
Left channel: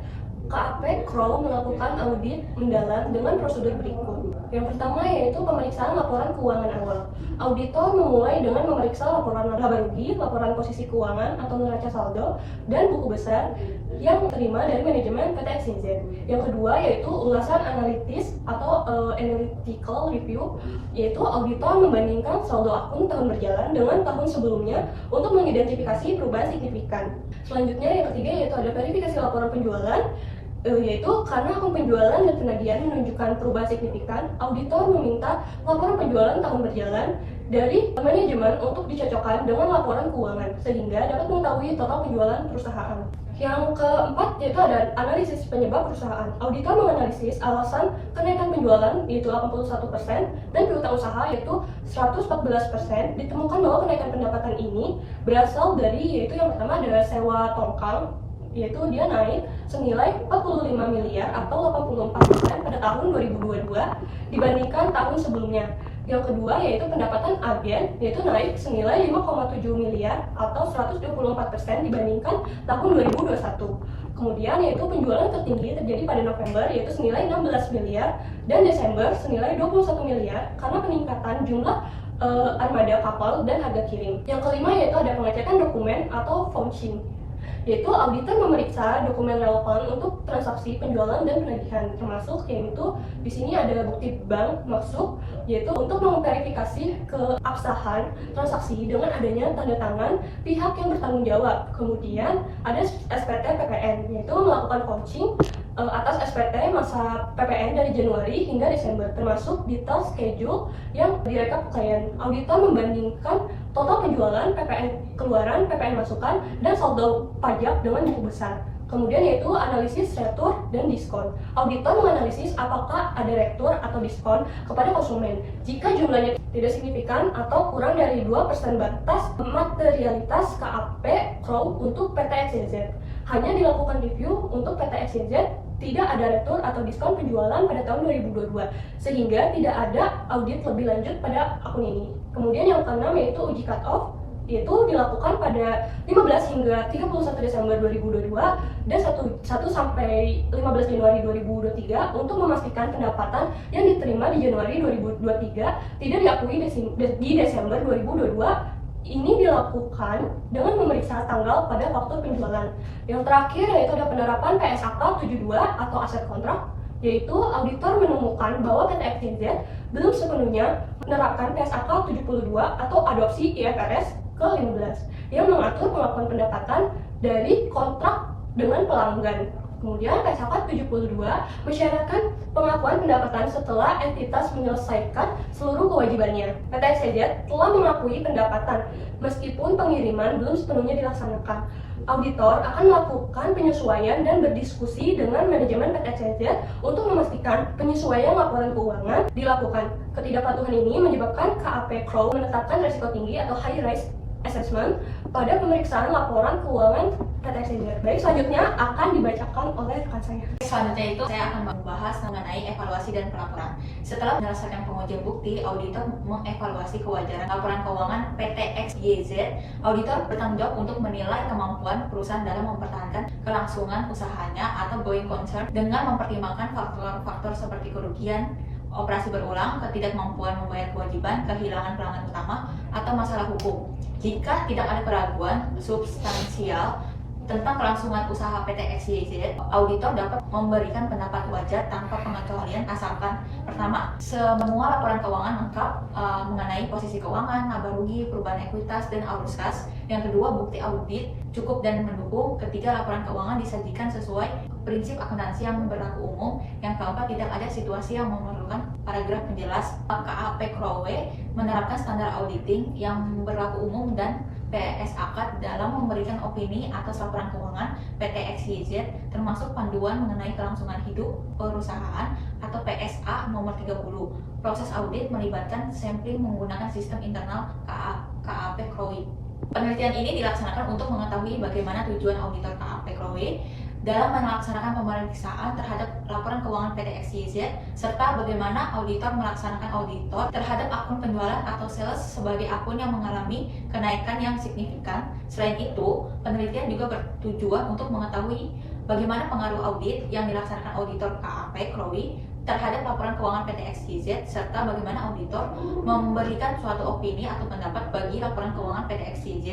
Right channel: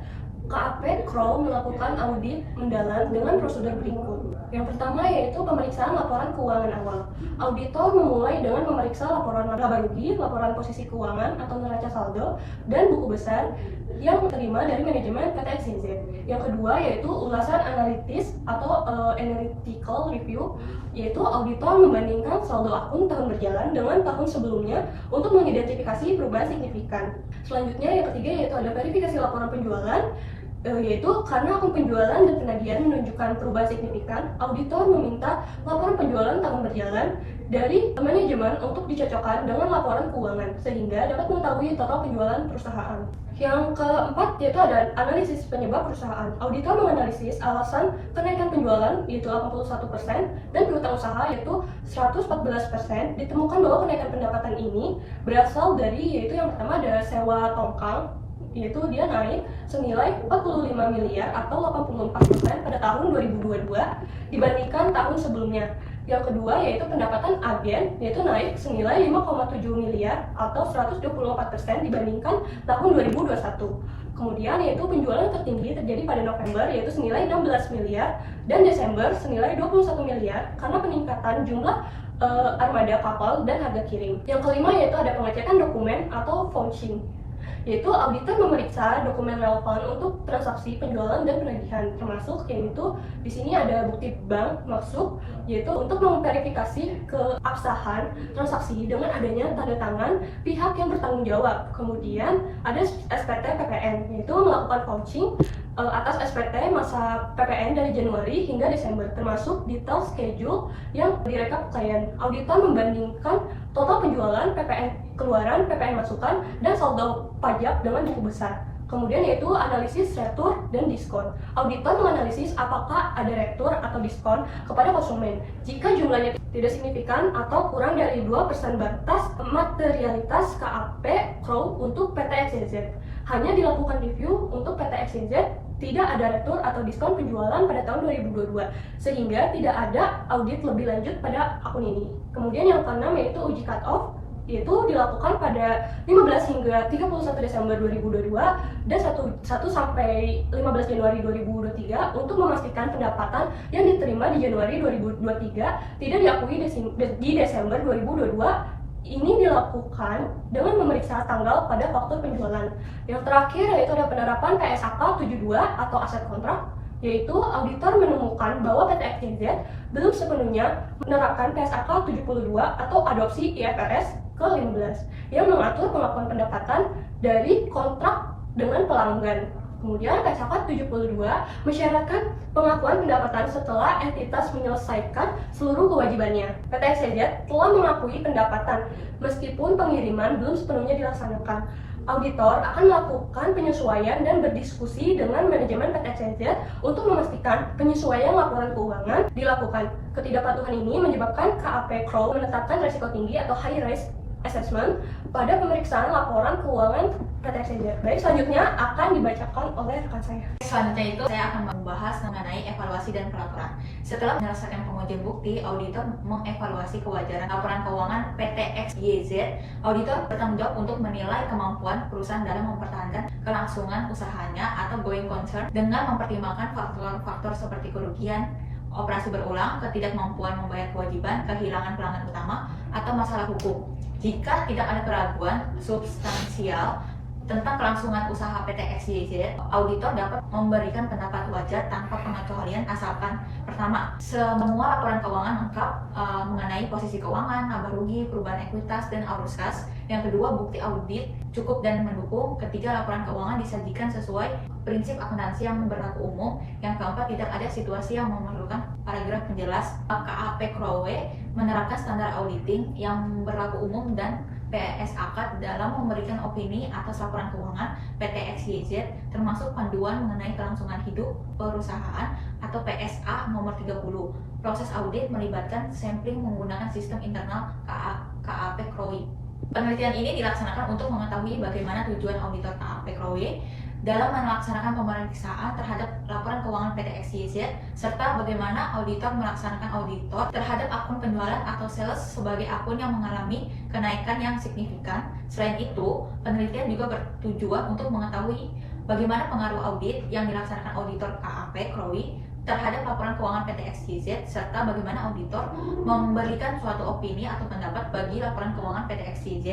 KAP Crow melakukan audit mendalam dengan prosedur berikut. Yang pertama yaitu pemeriksaan laporan keuangan awal. Auditor memulai dengan memeriksa laporan laba rugi, laporan posisi keuangan atau neraca saldo, dan buku besar yang diterima dari manajemen PT XYZ. Yang kedua yaitu ulasan analitis atau analytical review, yaitu auditor membandingkan saldo akun tahun berjalan dengan tahun sebelumnya untuk mengidentifikasi perubahan signifikan. Selanjutnya yang ketiga yaitu ada verifikasi laporan penjualan, yaitu karena akun penjualan dan penagihan menunjukkan perubahan signifikan, auditor meminta laporan penjualan tahun berjalan dari manajemen untuk dicocokkan dengan laporan keuangan sehingga dapat mengetahui total penjualan perusahaan. Yang keempat yaitu ada analisis penyebab perusahaan. Auditor menganalisis alasan kenaikan penjualan yaitu 81% dan piutang usaha yaitu 114%. Ditemukan bahwa kenaikan pendapatan ini berasal dari yaitu yang pertama ada sewa tongkang, yaitu dia naik senilai 45 miliar atau 84% pada tahun 2022 dibandingkan tahun sebelumnya. Yang kedua yaitu pendapatan agen, yaitu naik senilai 5,7 miliar atau 124% dibandingkan tahun 2021. Kemudian yaitu penjualan tertinggi terjadi pada November yaitu senilai 16 miliar dan Desember senilai 21 miliar karena peningkatan jumlah armada kapal dan harga kirim. Yang kelima yaitu ada pengecekan dokumen atau vouching, yaitu auditor memeriksa dokumen relevan untuk transaksi penjualan dan penagihan, termasuk yaitu di sini ada bukti bank masuk, yaitu untuk memverifikasi keabsahan transaksi dengan adanya tanda tangan pihak yang bertanggung jawab. Kemudian ada SPT PPN, yaitu melakukan vouching atas SPT masa PPN dari Januari hingga Desember, termasuk detail schedule yang direkap klien. Auditor membandingkan total penjualan, PPN keluaran, PPN masukan, dan saldo pajak dengan buku besar. Kemudian yaitu analisis retur dan diskon. Auditor menganalisis apakah ada retur atau diskon kepada konsumen. Jika jumlahnya tidak signifikan atau kurang dari 2% batas materialitas KAP Crow untuk PT XYZ. Hanya dilakukan review untuk PT XYZ, tidak ada retur atau diskon penjualan pada tahun 2022, sehingga tidak ada audit lebih lanjut pada akun ini. Kemudian yang keenam yaitu uji cut-off, yaitu dilakukan pada 15 hingga 31 Desember 2022 dan 1 sampai 15 Januari 2023 untuk memastikan pendapatan yang diterima di Januari 2023 tidak diakui di Desember 2022. Ini dilakukan dengan memeriksa tanggal pada faktur penjualan. Yang terakhir yaitu ada penerapan PSAK 72 atau aset kontrak. yaitu auditor menemukan bahwa PT XYZ belum sepenuhnya menerapkan PSAK 72 atau adopsi IFRS ke-15 yang mengatur pengakuan pendapatan dari kontrak dengan pelanggan. Kemudian PSAK 72 mensyaratkan pengakuan pendapatan setelah entitas menyelesaikan seluruh kewajibannya. PT XYZ telah mengakui pendapatan meskipun pengiriman belum sepenuhnya dilaksanakan. Auditor akan melakukan penyesuaian dan berdiskusi dengan manajemen PT XYZ untuk memastikan penyesuaian laporan keuangan dilakukan. Ketidakpatuhan ini menyebabkan KAP Crow menetapkan risiko tinggi atau high risk assessment pada pemeriksaan laporan keuangan PT XYZ. Baik, selanjutnya akan dibacakan oleh rekan saya. Selanjutnya itu saya akan membahas mengenai evaluasi dan pelaporan. Setelah menyelesaikan pengujian bukti, auditor mengevaluasi kewajaran laporan keuangan PT XYZ. Auditor bertanggung jawab untuk menilai kemampuan perusahaan dalam mempertahankan kelangsungan usahanya atau going concern dengan mempertimbangkan faktor-faktor seperti kerugian, operasi berulang, ketidakmampuan membayar kewajiban, kehilangan pelanggan utama, atau masalah hukum. Jika tidak ada keraguan substansial tentang kelangsungan usaha PT XYZ, auditor dapat memberikan pendapat wajar tanpa pengecualian asalkan pertama, semua laporan keuangan lengkap mengenai posisi keuangan, laba rugi, perubahan ekuitas, dan arus kas. Yang kedua, bukti audit cukup dan mendukung. Ketiga, laporan keuangan disajikan sesuai prinsip akuntansi yang berlaku umum. Yang keempat, tidak ada situasi yang memerlukan paragraf penjelas. KAP Crowe menerapkan standar auditing yang berlaku umum dan PSAK dalam memberikan opini atas laporan keuangan PT XYZ, termasuk panduan mengenai kelangsungan hidup perusahaan atau PSA nomor 30. Proses audit melibatkan sampling menggunakan sistem internal KAP Crowe. Penelitian ini dilaksanakan untuk mengetahui bagaimana tujuan auditor KAP Crowe dalam melaksanakan pemeriksaan terhadap laporan keuangan PT XYZ, serta bagaimana auditor melaksanakan auditor terhadap akun penjualan atau sales sebagai akun yang mengalami kenaikan yang signifikan. Selain itu, penelitian juga bertujuan untuk mengetahui bagaimana pengaruh audit yang dilaksanakan auditor KAP Crowe terhadap laporan keuangan PT XYZ, serta bagaimana auditor memberikan suatu opini atau pendapat bagi laporan keuangan PT XYZ.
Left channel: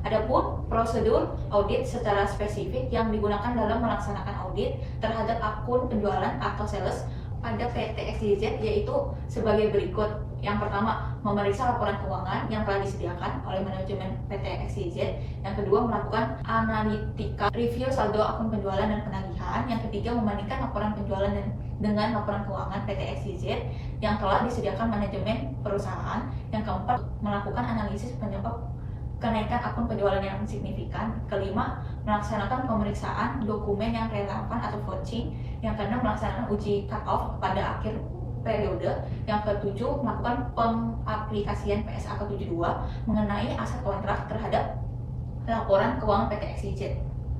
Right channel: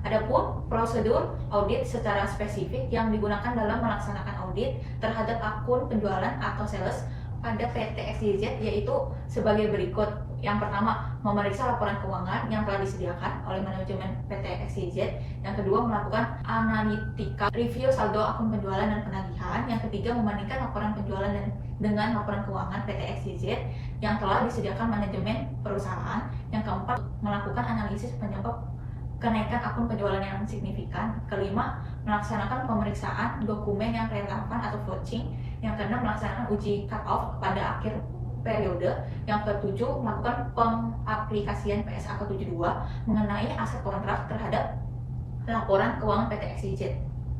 Adapun prosedur audit secara spesifik yang digunakan dalam melaksanakan audit terhadap akun penjualan atau sales pada PT XYZ yaitu sebagai berikut. Yang pertama, memeriksa laporan keuangan yang telah disediakan oleh manajemen PT XYZ. Yang kedua, melakukan analitika review saldo akun penjualan dan penagihan. Yang ketiga, membandingkan laporan penjualan dengan laporan keuangan PT XYZ yang telah disediakan manajemen perusahaan. Yang keempat, melakukan analisis penyebab kenaikan akun penjualan yang signifikan. Kelima, melaksanakan pemeriksaan dokumen yang relevan atau vouching. Yang keenam, melaksanakan uji cut-off pada akhir periode. Yang ketujuh, melakukan pengaplikasian PSAK 72 mengenai aset kontrak terhadap laporan keuangan PT XYZ.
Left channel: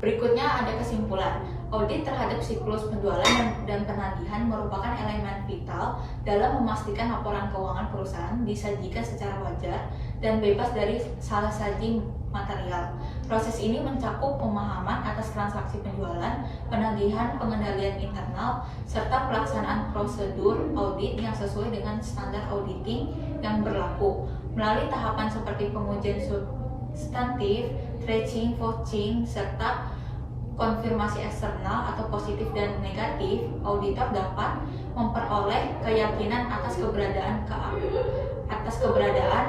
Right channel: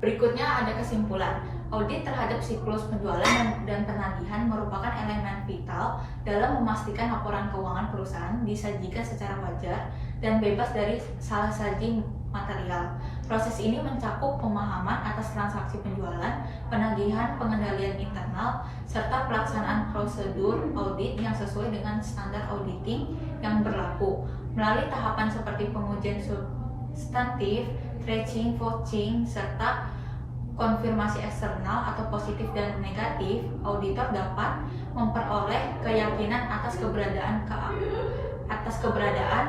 Berikutnya ada kesimpulan. Audit terhadap siklus penjualan dan penagihan merupakan elemen vital dalam memastikan laporan keuangan perusahaan disajikan secara wajar dan bebas dari salah saji material. Proses ini mencakup pemahaman atas transaksi penjualan, penagihan, pengendalian internal, serta pelaksanaan prosedur audit yang sesuai dengan standar auditing yang berlaku. Melalui tahapan seperti pengujian substantif, tracing, vouching, serta konfirmasi eksternal atau positif dan negatif, auditor dapat memperoleh keyakinan atas keberadaan,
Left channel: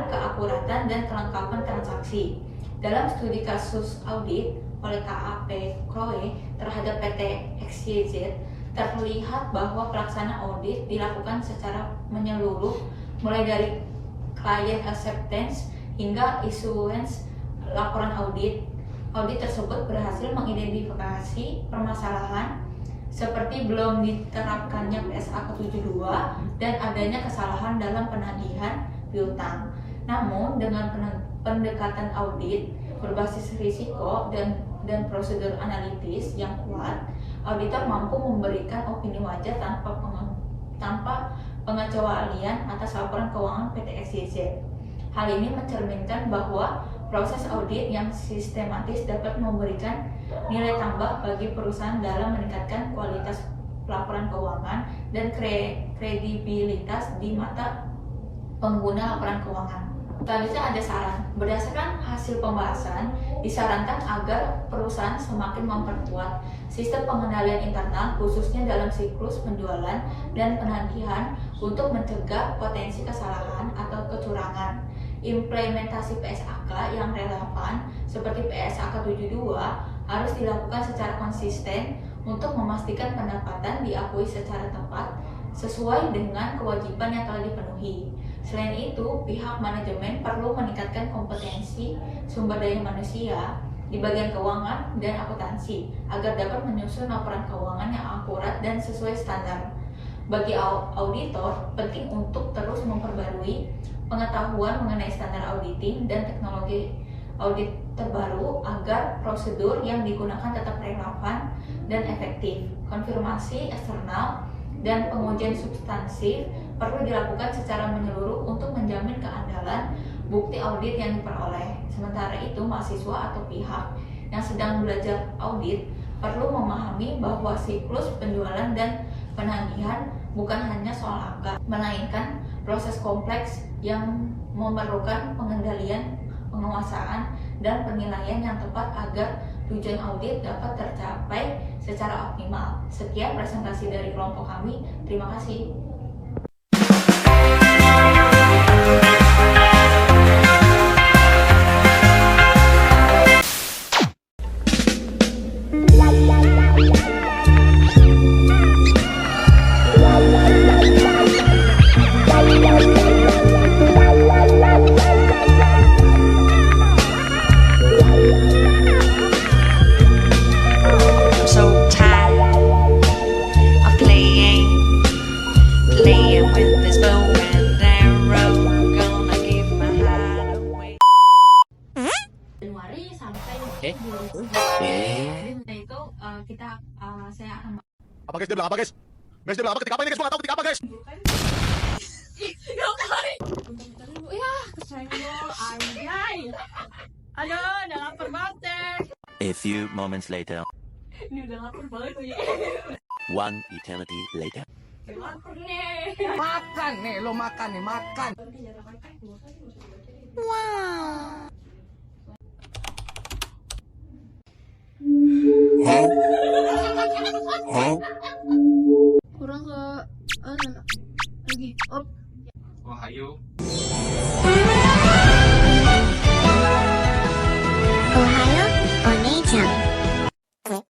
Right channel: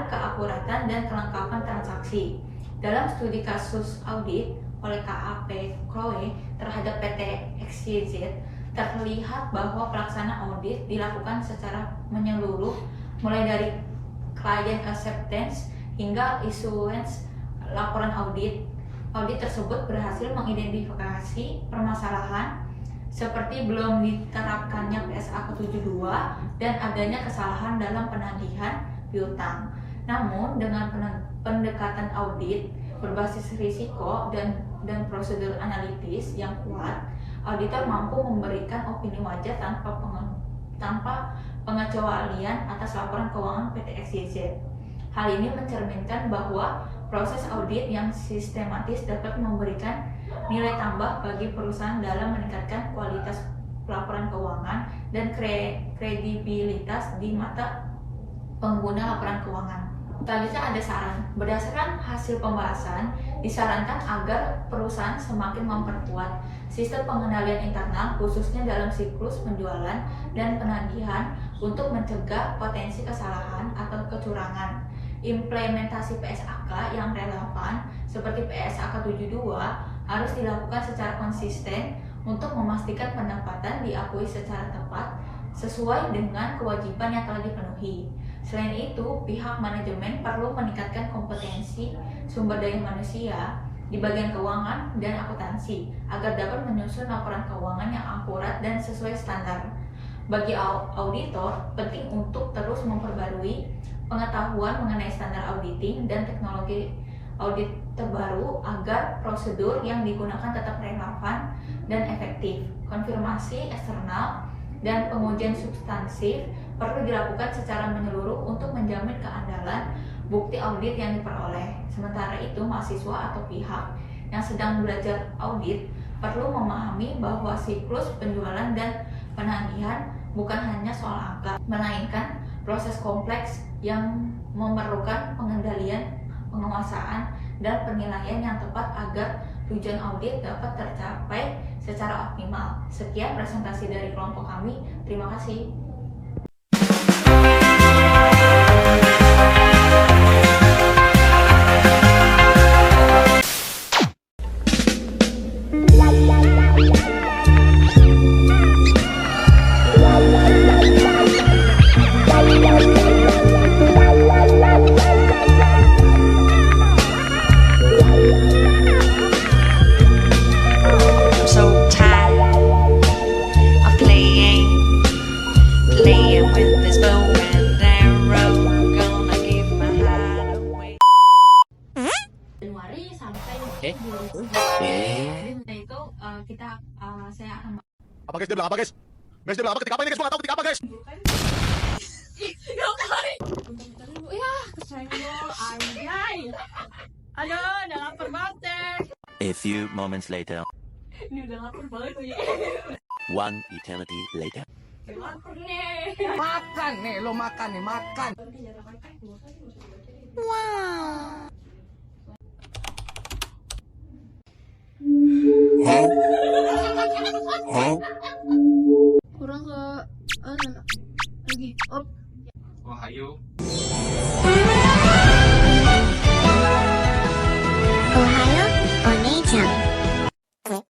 keakuratan, dan kelengkapan transaksi. Dalam studi kasus audit oleh KAP Crowe terhadap PT XYZ, terlihat bahwa pelaksanaan audit dilakukan secara menyeluruh, mulai dari client acceptance hingga issuance laporan audit. Audit tersebut berhasil mengidentifikasi permasalahan seperti belum diterapkannya PSAK 72 dan adanya kesalahan dalam penagihan piutang. Namun dengan pendekatan audit berbasis risiko dan prosedur analitis yang kuat, auditor mampu memberikan opini wajar tanpa pengecualian atas laporan keuangan PT XYZ. Hal ini mencerminkan bahwa proses audit yang sistematis dapat memberikan nilai tambah bagi perusahaan dalam meningkatkan kualitas laporan keuangan dan kredibilitas di mata pengguna laporan keuangan. Selanjutnya ada saran. Berdasarkan hasil pembahasan, disarankan agar perusahaan semakin memperkuat sistem pengendalian internal khususnya dalam siklus penjualan dan penagihan untuk mencegah potensi kesalahan atau kecurangan. Implementasi PSAK yang relevan seperti PSAK 72 harus dilakukan secara konsisten untuk memastikan pendapatan diakui secara tepat sesuai dengan kewajiban yang telah dipenuhi. Selain itu, pihak manajemen perlu meningkatkan kompetensi sumber daya manusia di bagian keuangan dan akuntansi agar dapat menyusun laporan keuangan yang akurat dan sesuai standar. Bagi auditor, penting untuk terus memperbarui pengetahuan mengenai standar auditing dan teknologi audit terbaru agar prosedur yang digunakan tetap relevan dan efektif. Konfirmasi eksternal dan pengujian substansif perlu dilakukan secara menyeluruh untuk menjamin keandalan bukti audit yang diperoleh. Sementara itu, mahasiswa atau pihak yang sedang belajar audit perlu memahami bahwa siklus penjualan dan penagihan bukan hanya soal angka, melainkan proses kompleks yang memerlukan pengendalian, penguasaan, dan penilaian yang tepat agar tujuan audit dapat tercapai secara optimal. Sekian presentasi dari kelompok kami. Terima kasih. Januari sampai itu saya akan Apa guys, dia bilang apa guys? Guys, dia bilang apa ketika apa ini guys? Gua nggak tahu ketika apa guys. Aduh, udah lapar banget deh. A few moments later, Ini udah lapar banget nih. one eternity later. Lapar nih. Makan nih, lo makan nih, makan. Kurang ke lagi. Wahyu